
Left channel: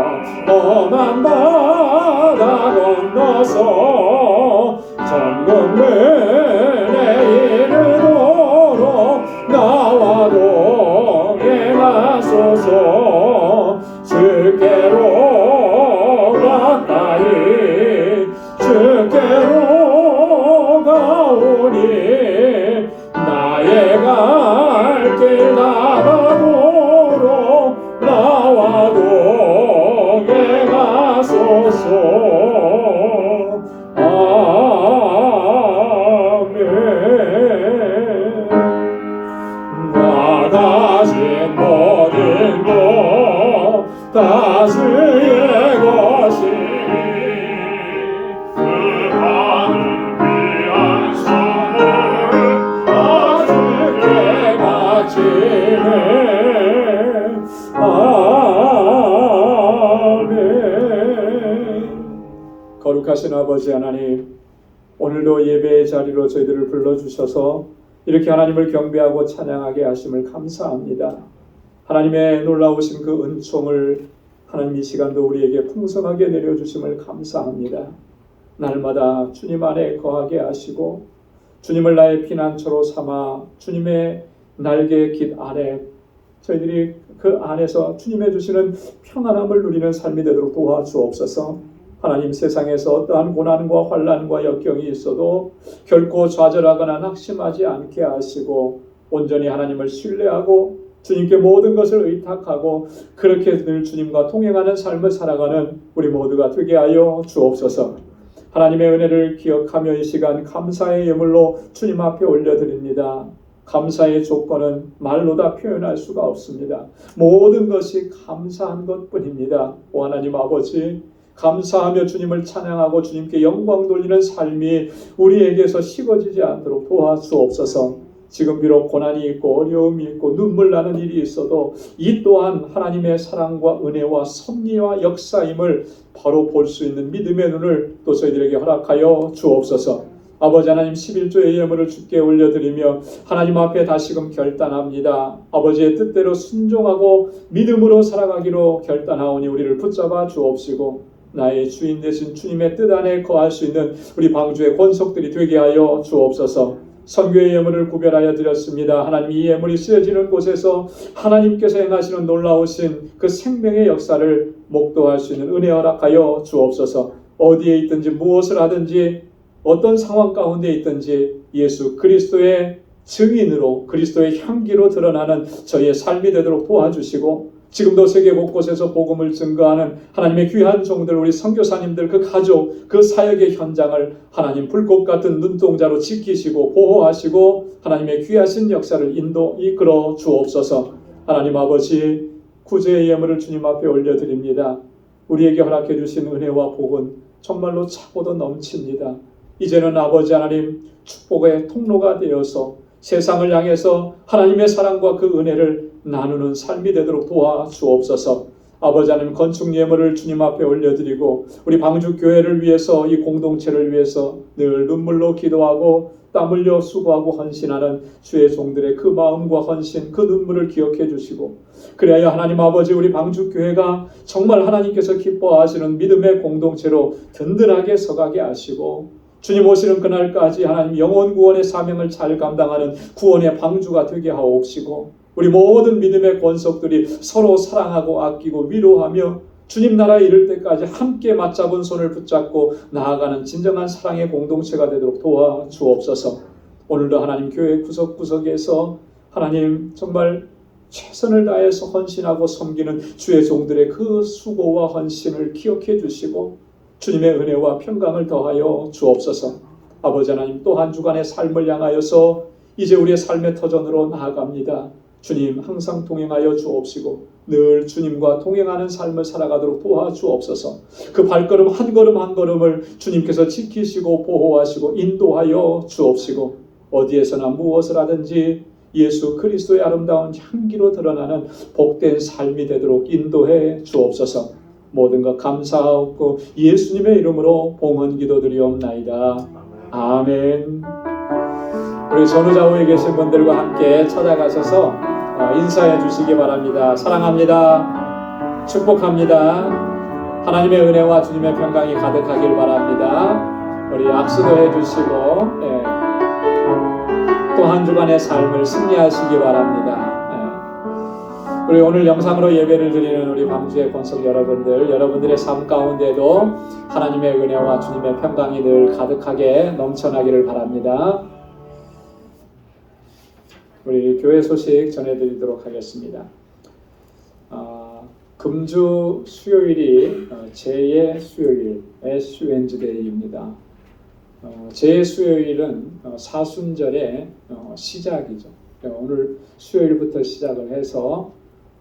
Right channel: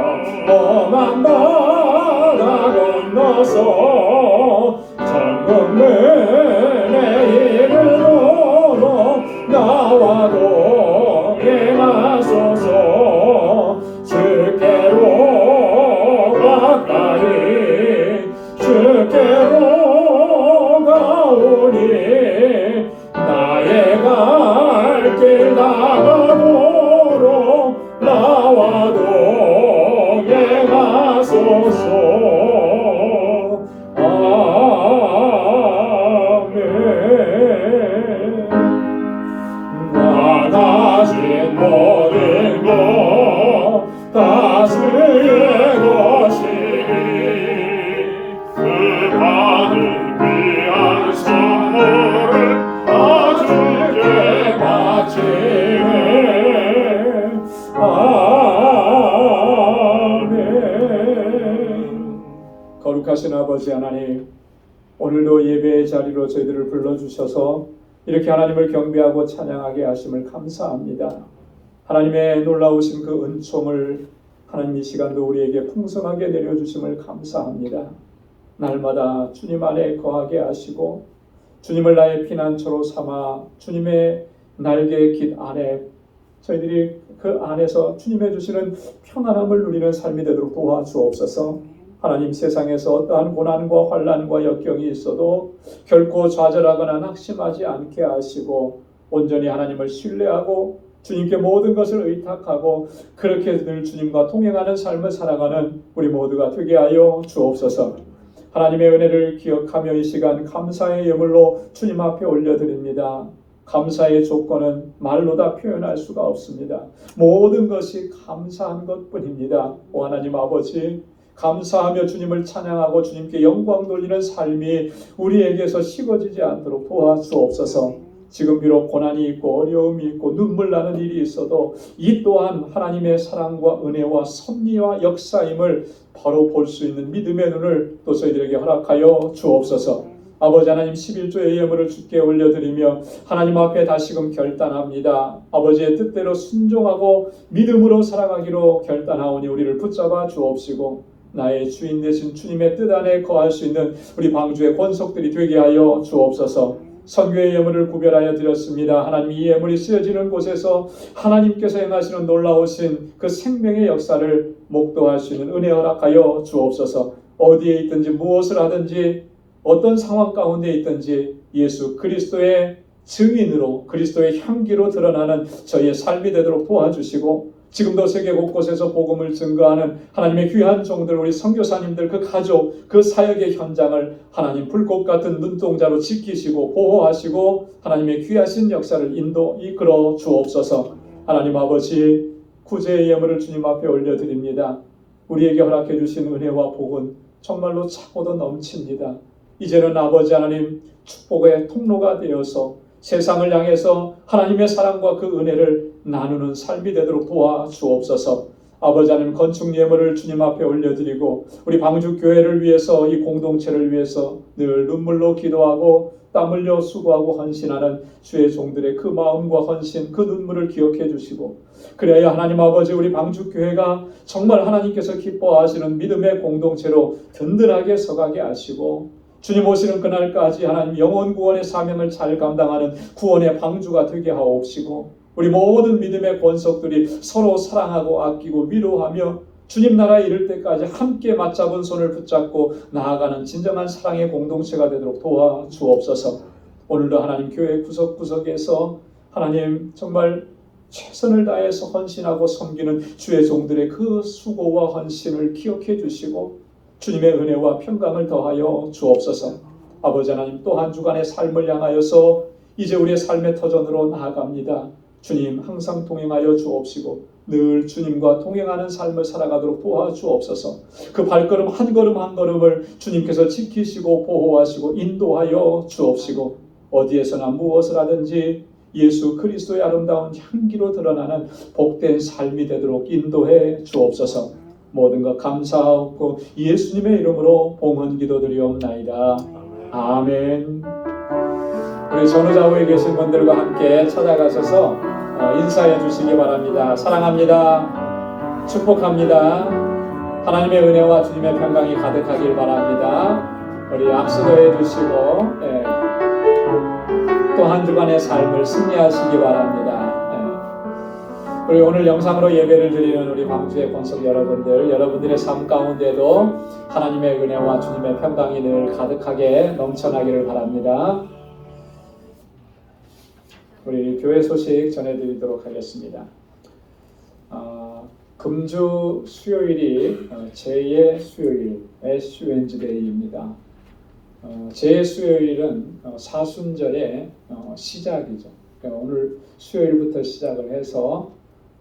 험한 바다 건너서 천국문에 이르도록 나와 동행하소서. 주께로 가까이 주께로 가오니 나의 갈길 나가도록 나와 동행하소서. 아멘. 나가신 모든 것 다 주의 것이니 그 가는 귀한 선물을 다 주께 바치네. 아멘. 거룩하신 아버지 하나님, 오늘도 예배의 자리로 저희들을 불러주셔서 이렇게 하나님을 경배하고 찬양하게 하심을 감사합니다. 하나님의 놀라우신 그 은총을 하나님 이 시간도 우리에게 풍성하게 내려주심을 감사합니다. 날마다 주님 안에 거하게 하시고 주님을 나의 피난처로 삼아 주님의 날개 깃 안에 저희들이 그 안에서 주님의 주시는 평안함을 누리는 삶이 되도록 도와주옵소서. 하나님, 세상에서 어떠한 고난과 환난과 역경이 있어도 결코 좌절하거나 낙심하지 않게 하시고 온전히 하나님을 신뢰하고 주님께 모든 것을 의탁하고 그렇게 늘 주님과 동행하는 삶을 살아가는 우리 모두가 되게 하여 주옵소서. 하나님의 은혜를 기억하며 이 시간 감사의 예물로 주님 앞에 올려드립니다. 감사의 조건은 말로 다 표현할 수가 없습니다. 모든 것이 감사한 것뿐입니다. 오 하나님 아버지, 감사하며 주님을 찬양하고 주님께 영광 돌리는 삶이 우리에게서 식어지지 않도록 도와주옵소서. 지금 비록 고난이 있고 어려움이 있고 눈물 나는 일이 있어도 이 또한 하나님의 사랑과 은혜와 섭리와 역사임을 바로 볼 수 있는 믿음의 눈을 또 저희들에게 허락하여 주옵소서. 아버지 하나님, 11조의 예물을 주께 올려드리며 하나님 앞에 다시금 결단합니다. 아버지의 뜻대로 순종하고 믿음으로 살아가기로 결단하오니 우리를 붙잡아 주옵시고 나의 주인 되신 주님의 뜻 안에 거할 수 있는 우리 방주의 권속들이 되게 하여 주옵소서. 선교의 예물을 구별하여 드렸습니다. 하나님, 이 예물이 쓰여지는 곳에서 하나님께서 행하시는 놀라우신 그 생명의 역사를 목도할 수 있는 은혜 허락하여 주옵소서. 어디에 있든지 무엇을 하든지 어떤 상황 가운데 있든지 예수 그리스도의 증인으로 그리스도의 향기로 드러나는 저희의 삶이 되도록 도와주시고 지금도 세계 곳곳에서 복음을 증거하는 하나님의 귀한 종들, 우리 선교사님들, 그 가족, 그 사역의 현장을 하나님 불꽃 같은 눈동자로 지키시고 보호하시고 하나님의 귀하신 역사를 이끌어 주옵소서. 하나님 아버지, 구제의 예물을 주님 앞에 올려드립니다. 우리에게 허락해 주신 은혜와 복은 정말로 차고도 넘칩니다. 이제는 아버지 하나님 축복의 통로가 되어서 세상을 향해서 하나님의 사랑과 그 은혜를 나누는 삶이 되도록 도와주옵소서. 아버지 하나님 건축 예물을 주님 앞에 올려드리고 우리 방주교회를 위해서, 이 공동체를 위해서 늘 눈물로 기도하고 땀 흘려 수고하고 헌신하는 주의 종들의 그 마음과 헌신, 그 눈물을 기억해 주시고, 그래야 하나님 아버지 우리 방주교회가 정말 하나님께서 기뻐하시는 믿음의 공동체로 든든하게 서가게 하시고, 주님 오시는 그날까지 하나님 영혼 구원의 사명을 잘 감당하는 구원의 방주가 되게 하옵시고, 우리 모든 믿음의 권속들이 서로 사랑하고 아끼고 위로하며 주님 나라에 이를 때까지 함께 맞잡은 손을 붙잡고 나아가는 진정한 사랑의 공동체가 되도록 도와주옵소서. 오늘도 하나님 교회 구석구석에서 하나님 정말 최선을 다해서 헌신하고 섬기는 주의 종들의 그 수고와 헌신을 기억해 주시고 주님의 은혜와 평강을 더하여 주옵소서. 아버지 하나님, 또 한 주간의 삶을 향하여서 이제 우리의 삶의 터전으로 나아갑니다. 주님 항상 동행하여 주옵시고 늘 주님과 동행하는 삶을 살아가도록 도와주옵소서. 그 발걸음 한 걸음 한 걸음을 주님께서 지키시고 보호하시고 인도하여 주옵시고, 어디에서나 무엇을 하든지 예수 그리스도의 아름다운 향기로 드러나는 복된 삶이 되도록 인도해 주옵소서. 모든 것 감사하옵고 예수님의 이름으로 봉헌 기도드리옵나이다. 아멘. 우리 전우좌우에 계신 분들과 함께 찾아가셔서 인사해 주시기 바랍니다. 사랑합니다. 축복합니다. 하나님의 은혜와 주님의 평강이 가득하길 바랍니다. 우리 악수도 해주시고 또 한 주간의 삶을 승리하시기 바랍니다. 우리 오늘 영상으로 예배를 드리는 우리 방주의 권속 여러분들, 여러분들의 삶 가운데도 하나님의 은혜와 주님의 평강이 늘 가득하게 넘쳐나기를 바랍니다. 우리 교회 소식 전해드리도록 하겠습니다. 금주 수요일이 제2의 수요일, SUNG데이입니다. 제 제2수요일은 사순절의 시작이죠. 오늘 수요일부터 시작을 해서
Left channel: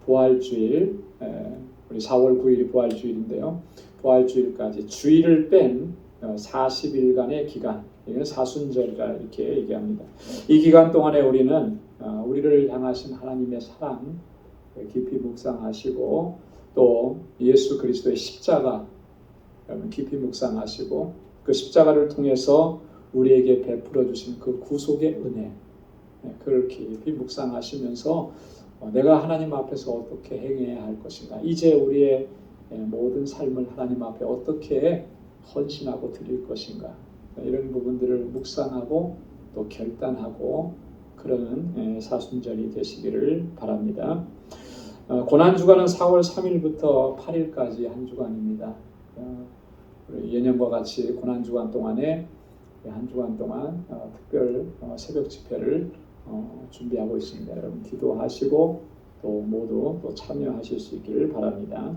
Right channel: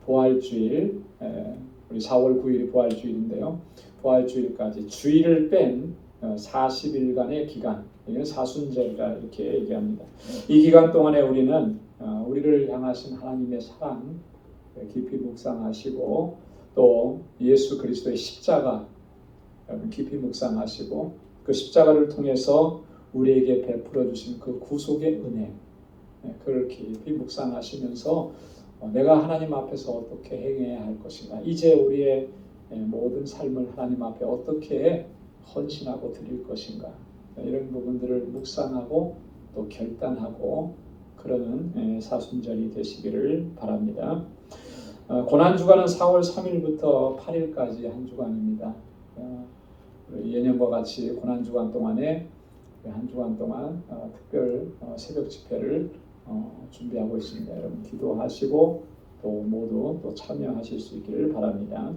부활주일, 우리 4월 9일이 부활주일인데요. 부활주일까지 주일을 뺀 40일간의 기간, 이건 사순절이라 이렇게 얘기합니다. 이 기간 동안에 우리는 우리를 향하신 하나님의 사랑 깊이 묵상하시고, 또 예수 그리스도의 십자가 깊이 묵상하시고, 그 십자가를 통해서 우리에게 베풀어 주신 그 구속의 은혜, 그걸 깊이 묵상하시면서 내가 하나님 앞에서 어떻게 행해야 할 것인가, 이제 우리의 모든 삶을 하나님 앞에 어떻게 헌신하고 드릴 것인가, 이런 부분들을 묵상하고 또 결단하고 그러는 사순절이 되시기를 바랍니다. 고난주간은 4월 3일부터 8일까지 한 주간입니다. 예년과 같이 고난주간 동안에 한 주간 동안 특별 새벽 집회를 준비하고 있습니다. 여러분 기도하시고 또 모두 또 참여하실 수 있기를 바랍니다.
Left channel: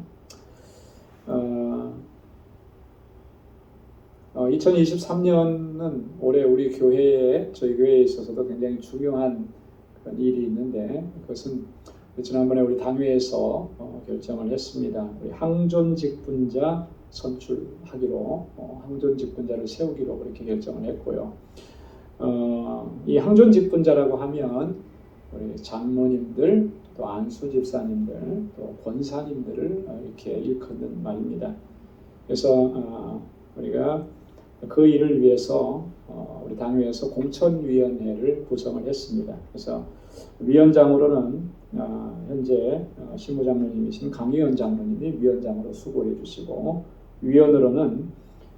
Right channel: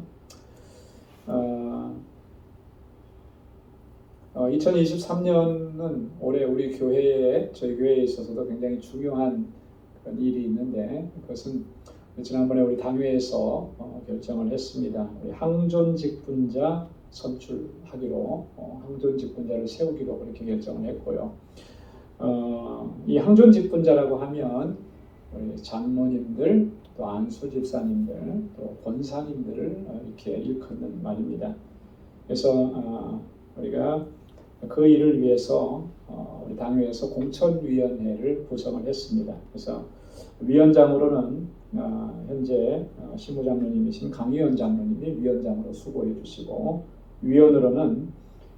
2023년은 올해 우리 교회에, 저희 교회에 있어서도 굉장히 중요한 그런 일이 있는데, 그것은 지난번에 우리 당회에서 결정을 했습니다. 우리 항존직분자 선출하기로, 항존직분자를 세우기로 그렇게 결정을 했고요. 이 항존직분자라고 하면 우리 장로님들, 또 안수집사님들, 또 권사님들을 이렇게 일컫는 말입니다. 그래서 우리가 그 일을 위해서 우리 당회에서 공천위원회를 구성을 했습니다. 그래서 위원장으로는 현재 신무장로님이신 강희원 장로님이 위원장으로 수고해 주시고, 위원으로는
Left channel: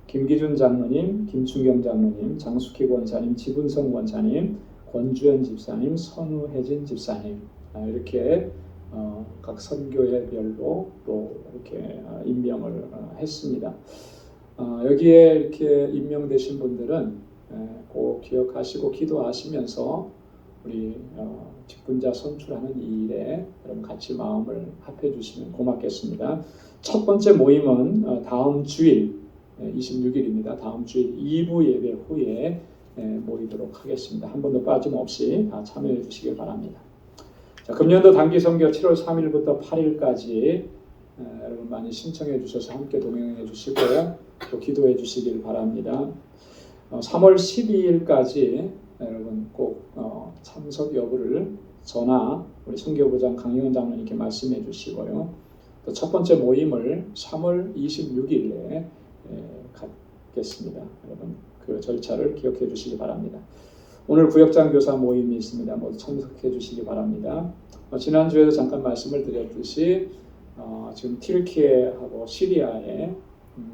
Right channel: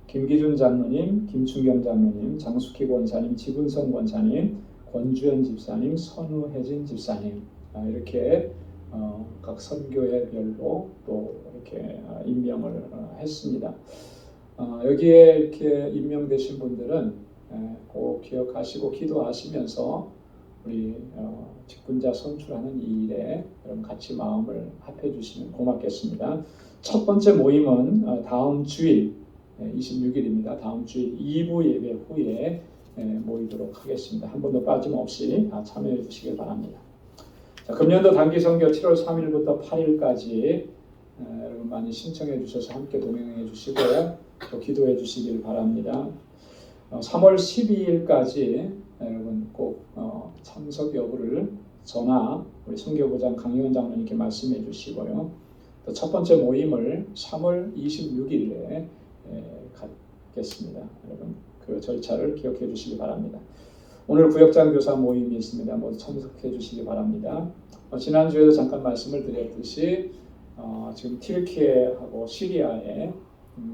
김기준 장로님, 김충경 장로님, 장숙희 권사님, 지분성 권사님, 권주현 집사님, 선우혜진 집사님, 이렇게 각 선교회별로 또 이렇게 임명을 했습니다. 여기에 이렇게 임명되신 분들은 꼭 기억하시고 기도하시면서 우리 직분자 선출하는 이 일에 여러분 같이 마음을 합해 주시면 고맙겠습니다. 첫 번째 모임은 다음 주일 26일입니다. 다음 주일 2부 예배 후에 모이도록 하겠습니다. 한 번도 빠짐없이 참여해 주시길 바랍니다. 자, 금년도 단기 선교 7월 3일부터 8일까지 여러분 많이 신청해 주셔서 함께 동행해 주시고 또 기도해 주시길 바랍니다. 3월 12일까지 여러분 꼭 참석 여부를 전화 우리 선교부장 강영은 장로님께 말씀해 주시고요. 또 첫 번째 모임을 3월 26일에 갖겠습니다. 여러분 그 절차를 기억해 주시기 바랍니다. 오늘 구역장 교사 모임이 있습니다. 모두 참석해 주시기 바랍니다. 지난주에도 잠깐 말씀을 드렸듯이 지금 튀르키예하고 시리아에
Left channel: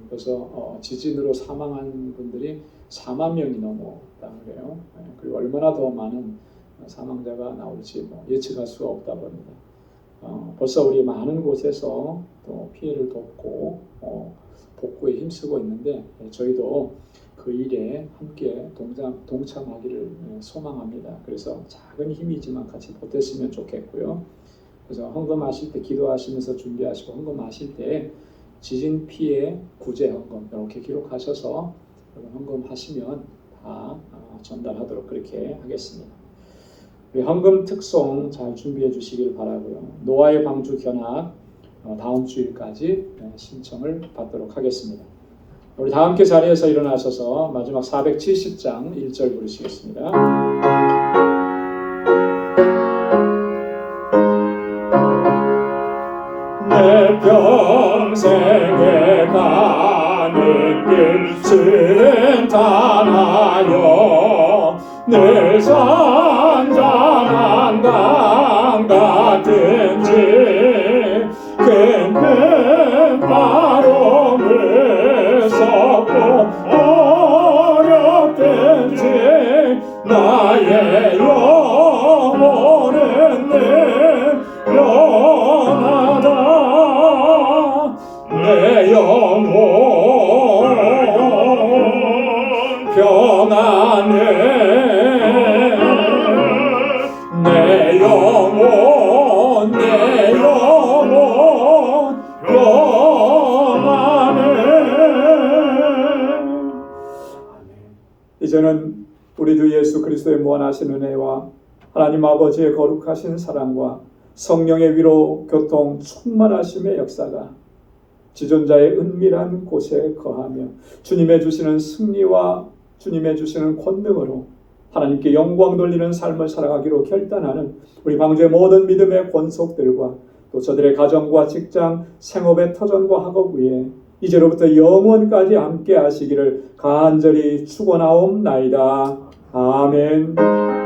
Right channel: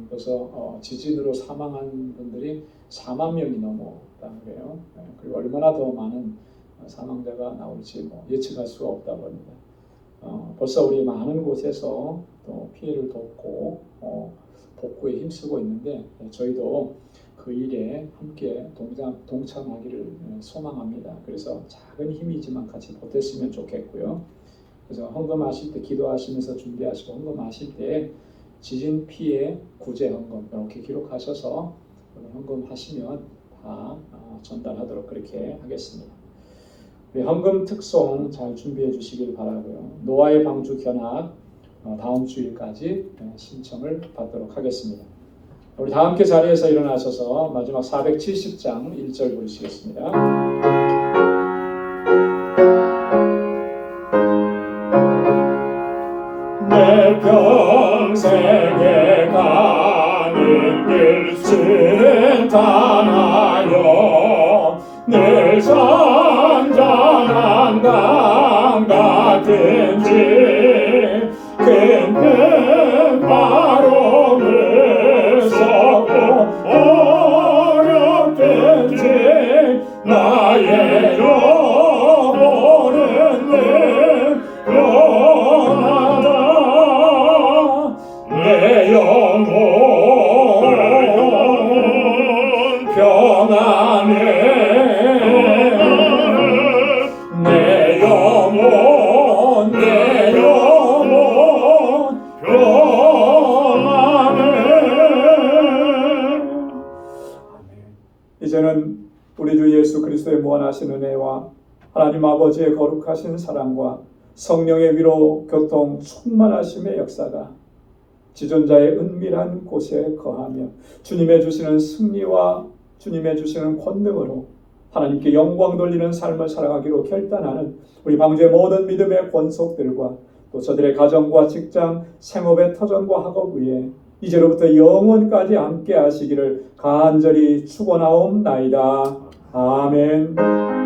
벌써 지진으로 사망한 분들이 4만 명이 넘었다고 해요. 그리고 얼마나 더 많은 사망자가 나올지 예측할 수가 없다고 합니다. 벌써 우리 많은 곳에서 또 피해를 돕고 복구에 힘쓰고 있는데 저희도 그 일에 함께 동참하기를 소망합니다. 그래서 작은 힘이지만 같이 보탰으면 좋겠고요. 그래서 헌금하실 때 기도하시면서 준비하시고 헌금하실 때 지진 피해 구제 헌금 이렇게 기록하셔서 헌금하시면 다 전달하도록 그렇게 하겠습니다. 우리 헌금 특송 잘 준비해 주시길 바라고요. 노아의 방주 견학 다음 주일까지 신청을 받도록 하겠습니다. 우리 다 함께 자리에서 일어나셔서 마지막 470장 1절 부르시겠습니다. 내 평생에 가는 길 순탄하여 늘 선전한 강 같은지 큰 바람을 섞고 어렵든지 나의 영혼은 늘 변하다 내 영혼 변하네 내 영혼 변하네. 이제는 우리 주 예수 그리스도의 무한하신 은혜와 하나님 아버지의 거룩하신 사랑과 성령의 위로 교통 충만하심의 역사가 지존자의 은밀한 곳에 거하며 주님의 주시는 승리와 주님의 주시는 권능으로 하나님께 영광 돌리는 삶을 살아가기로 결단하는 우리 방주의 모든 믿음의 권속들과 또 저들의 가정과 직장, 생업의 터전과 학업 위에 이제로부터 영원까지 함께 하시기를 간절히 축원하옵나이다. 아멘.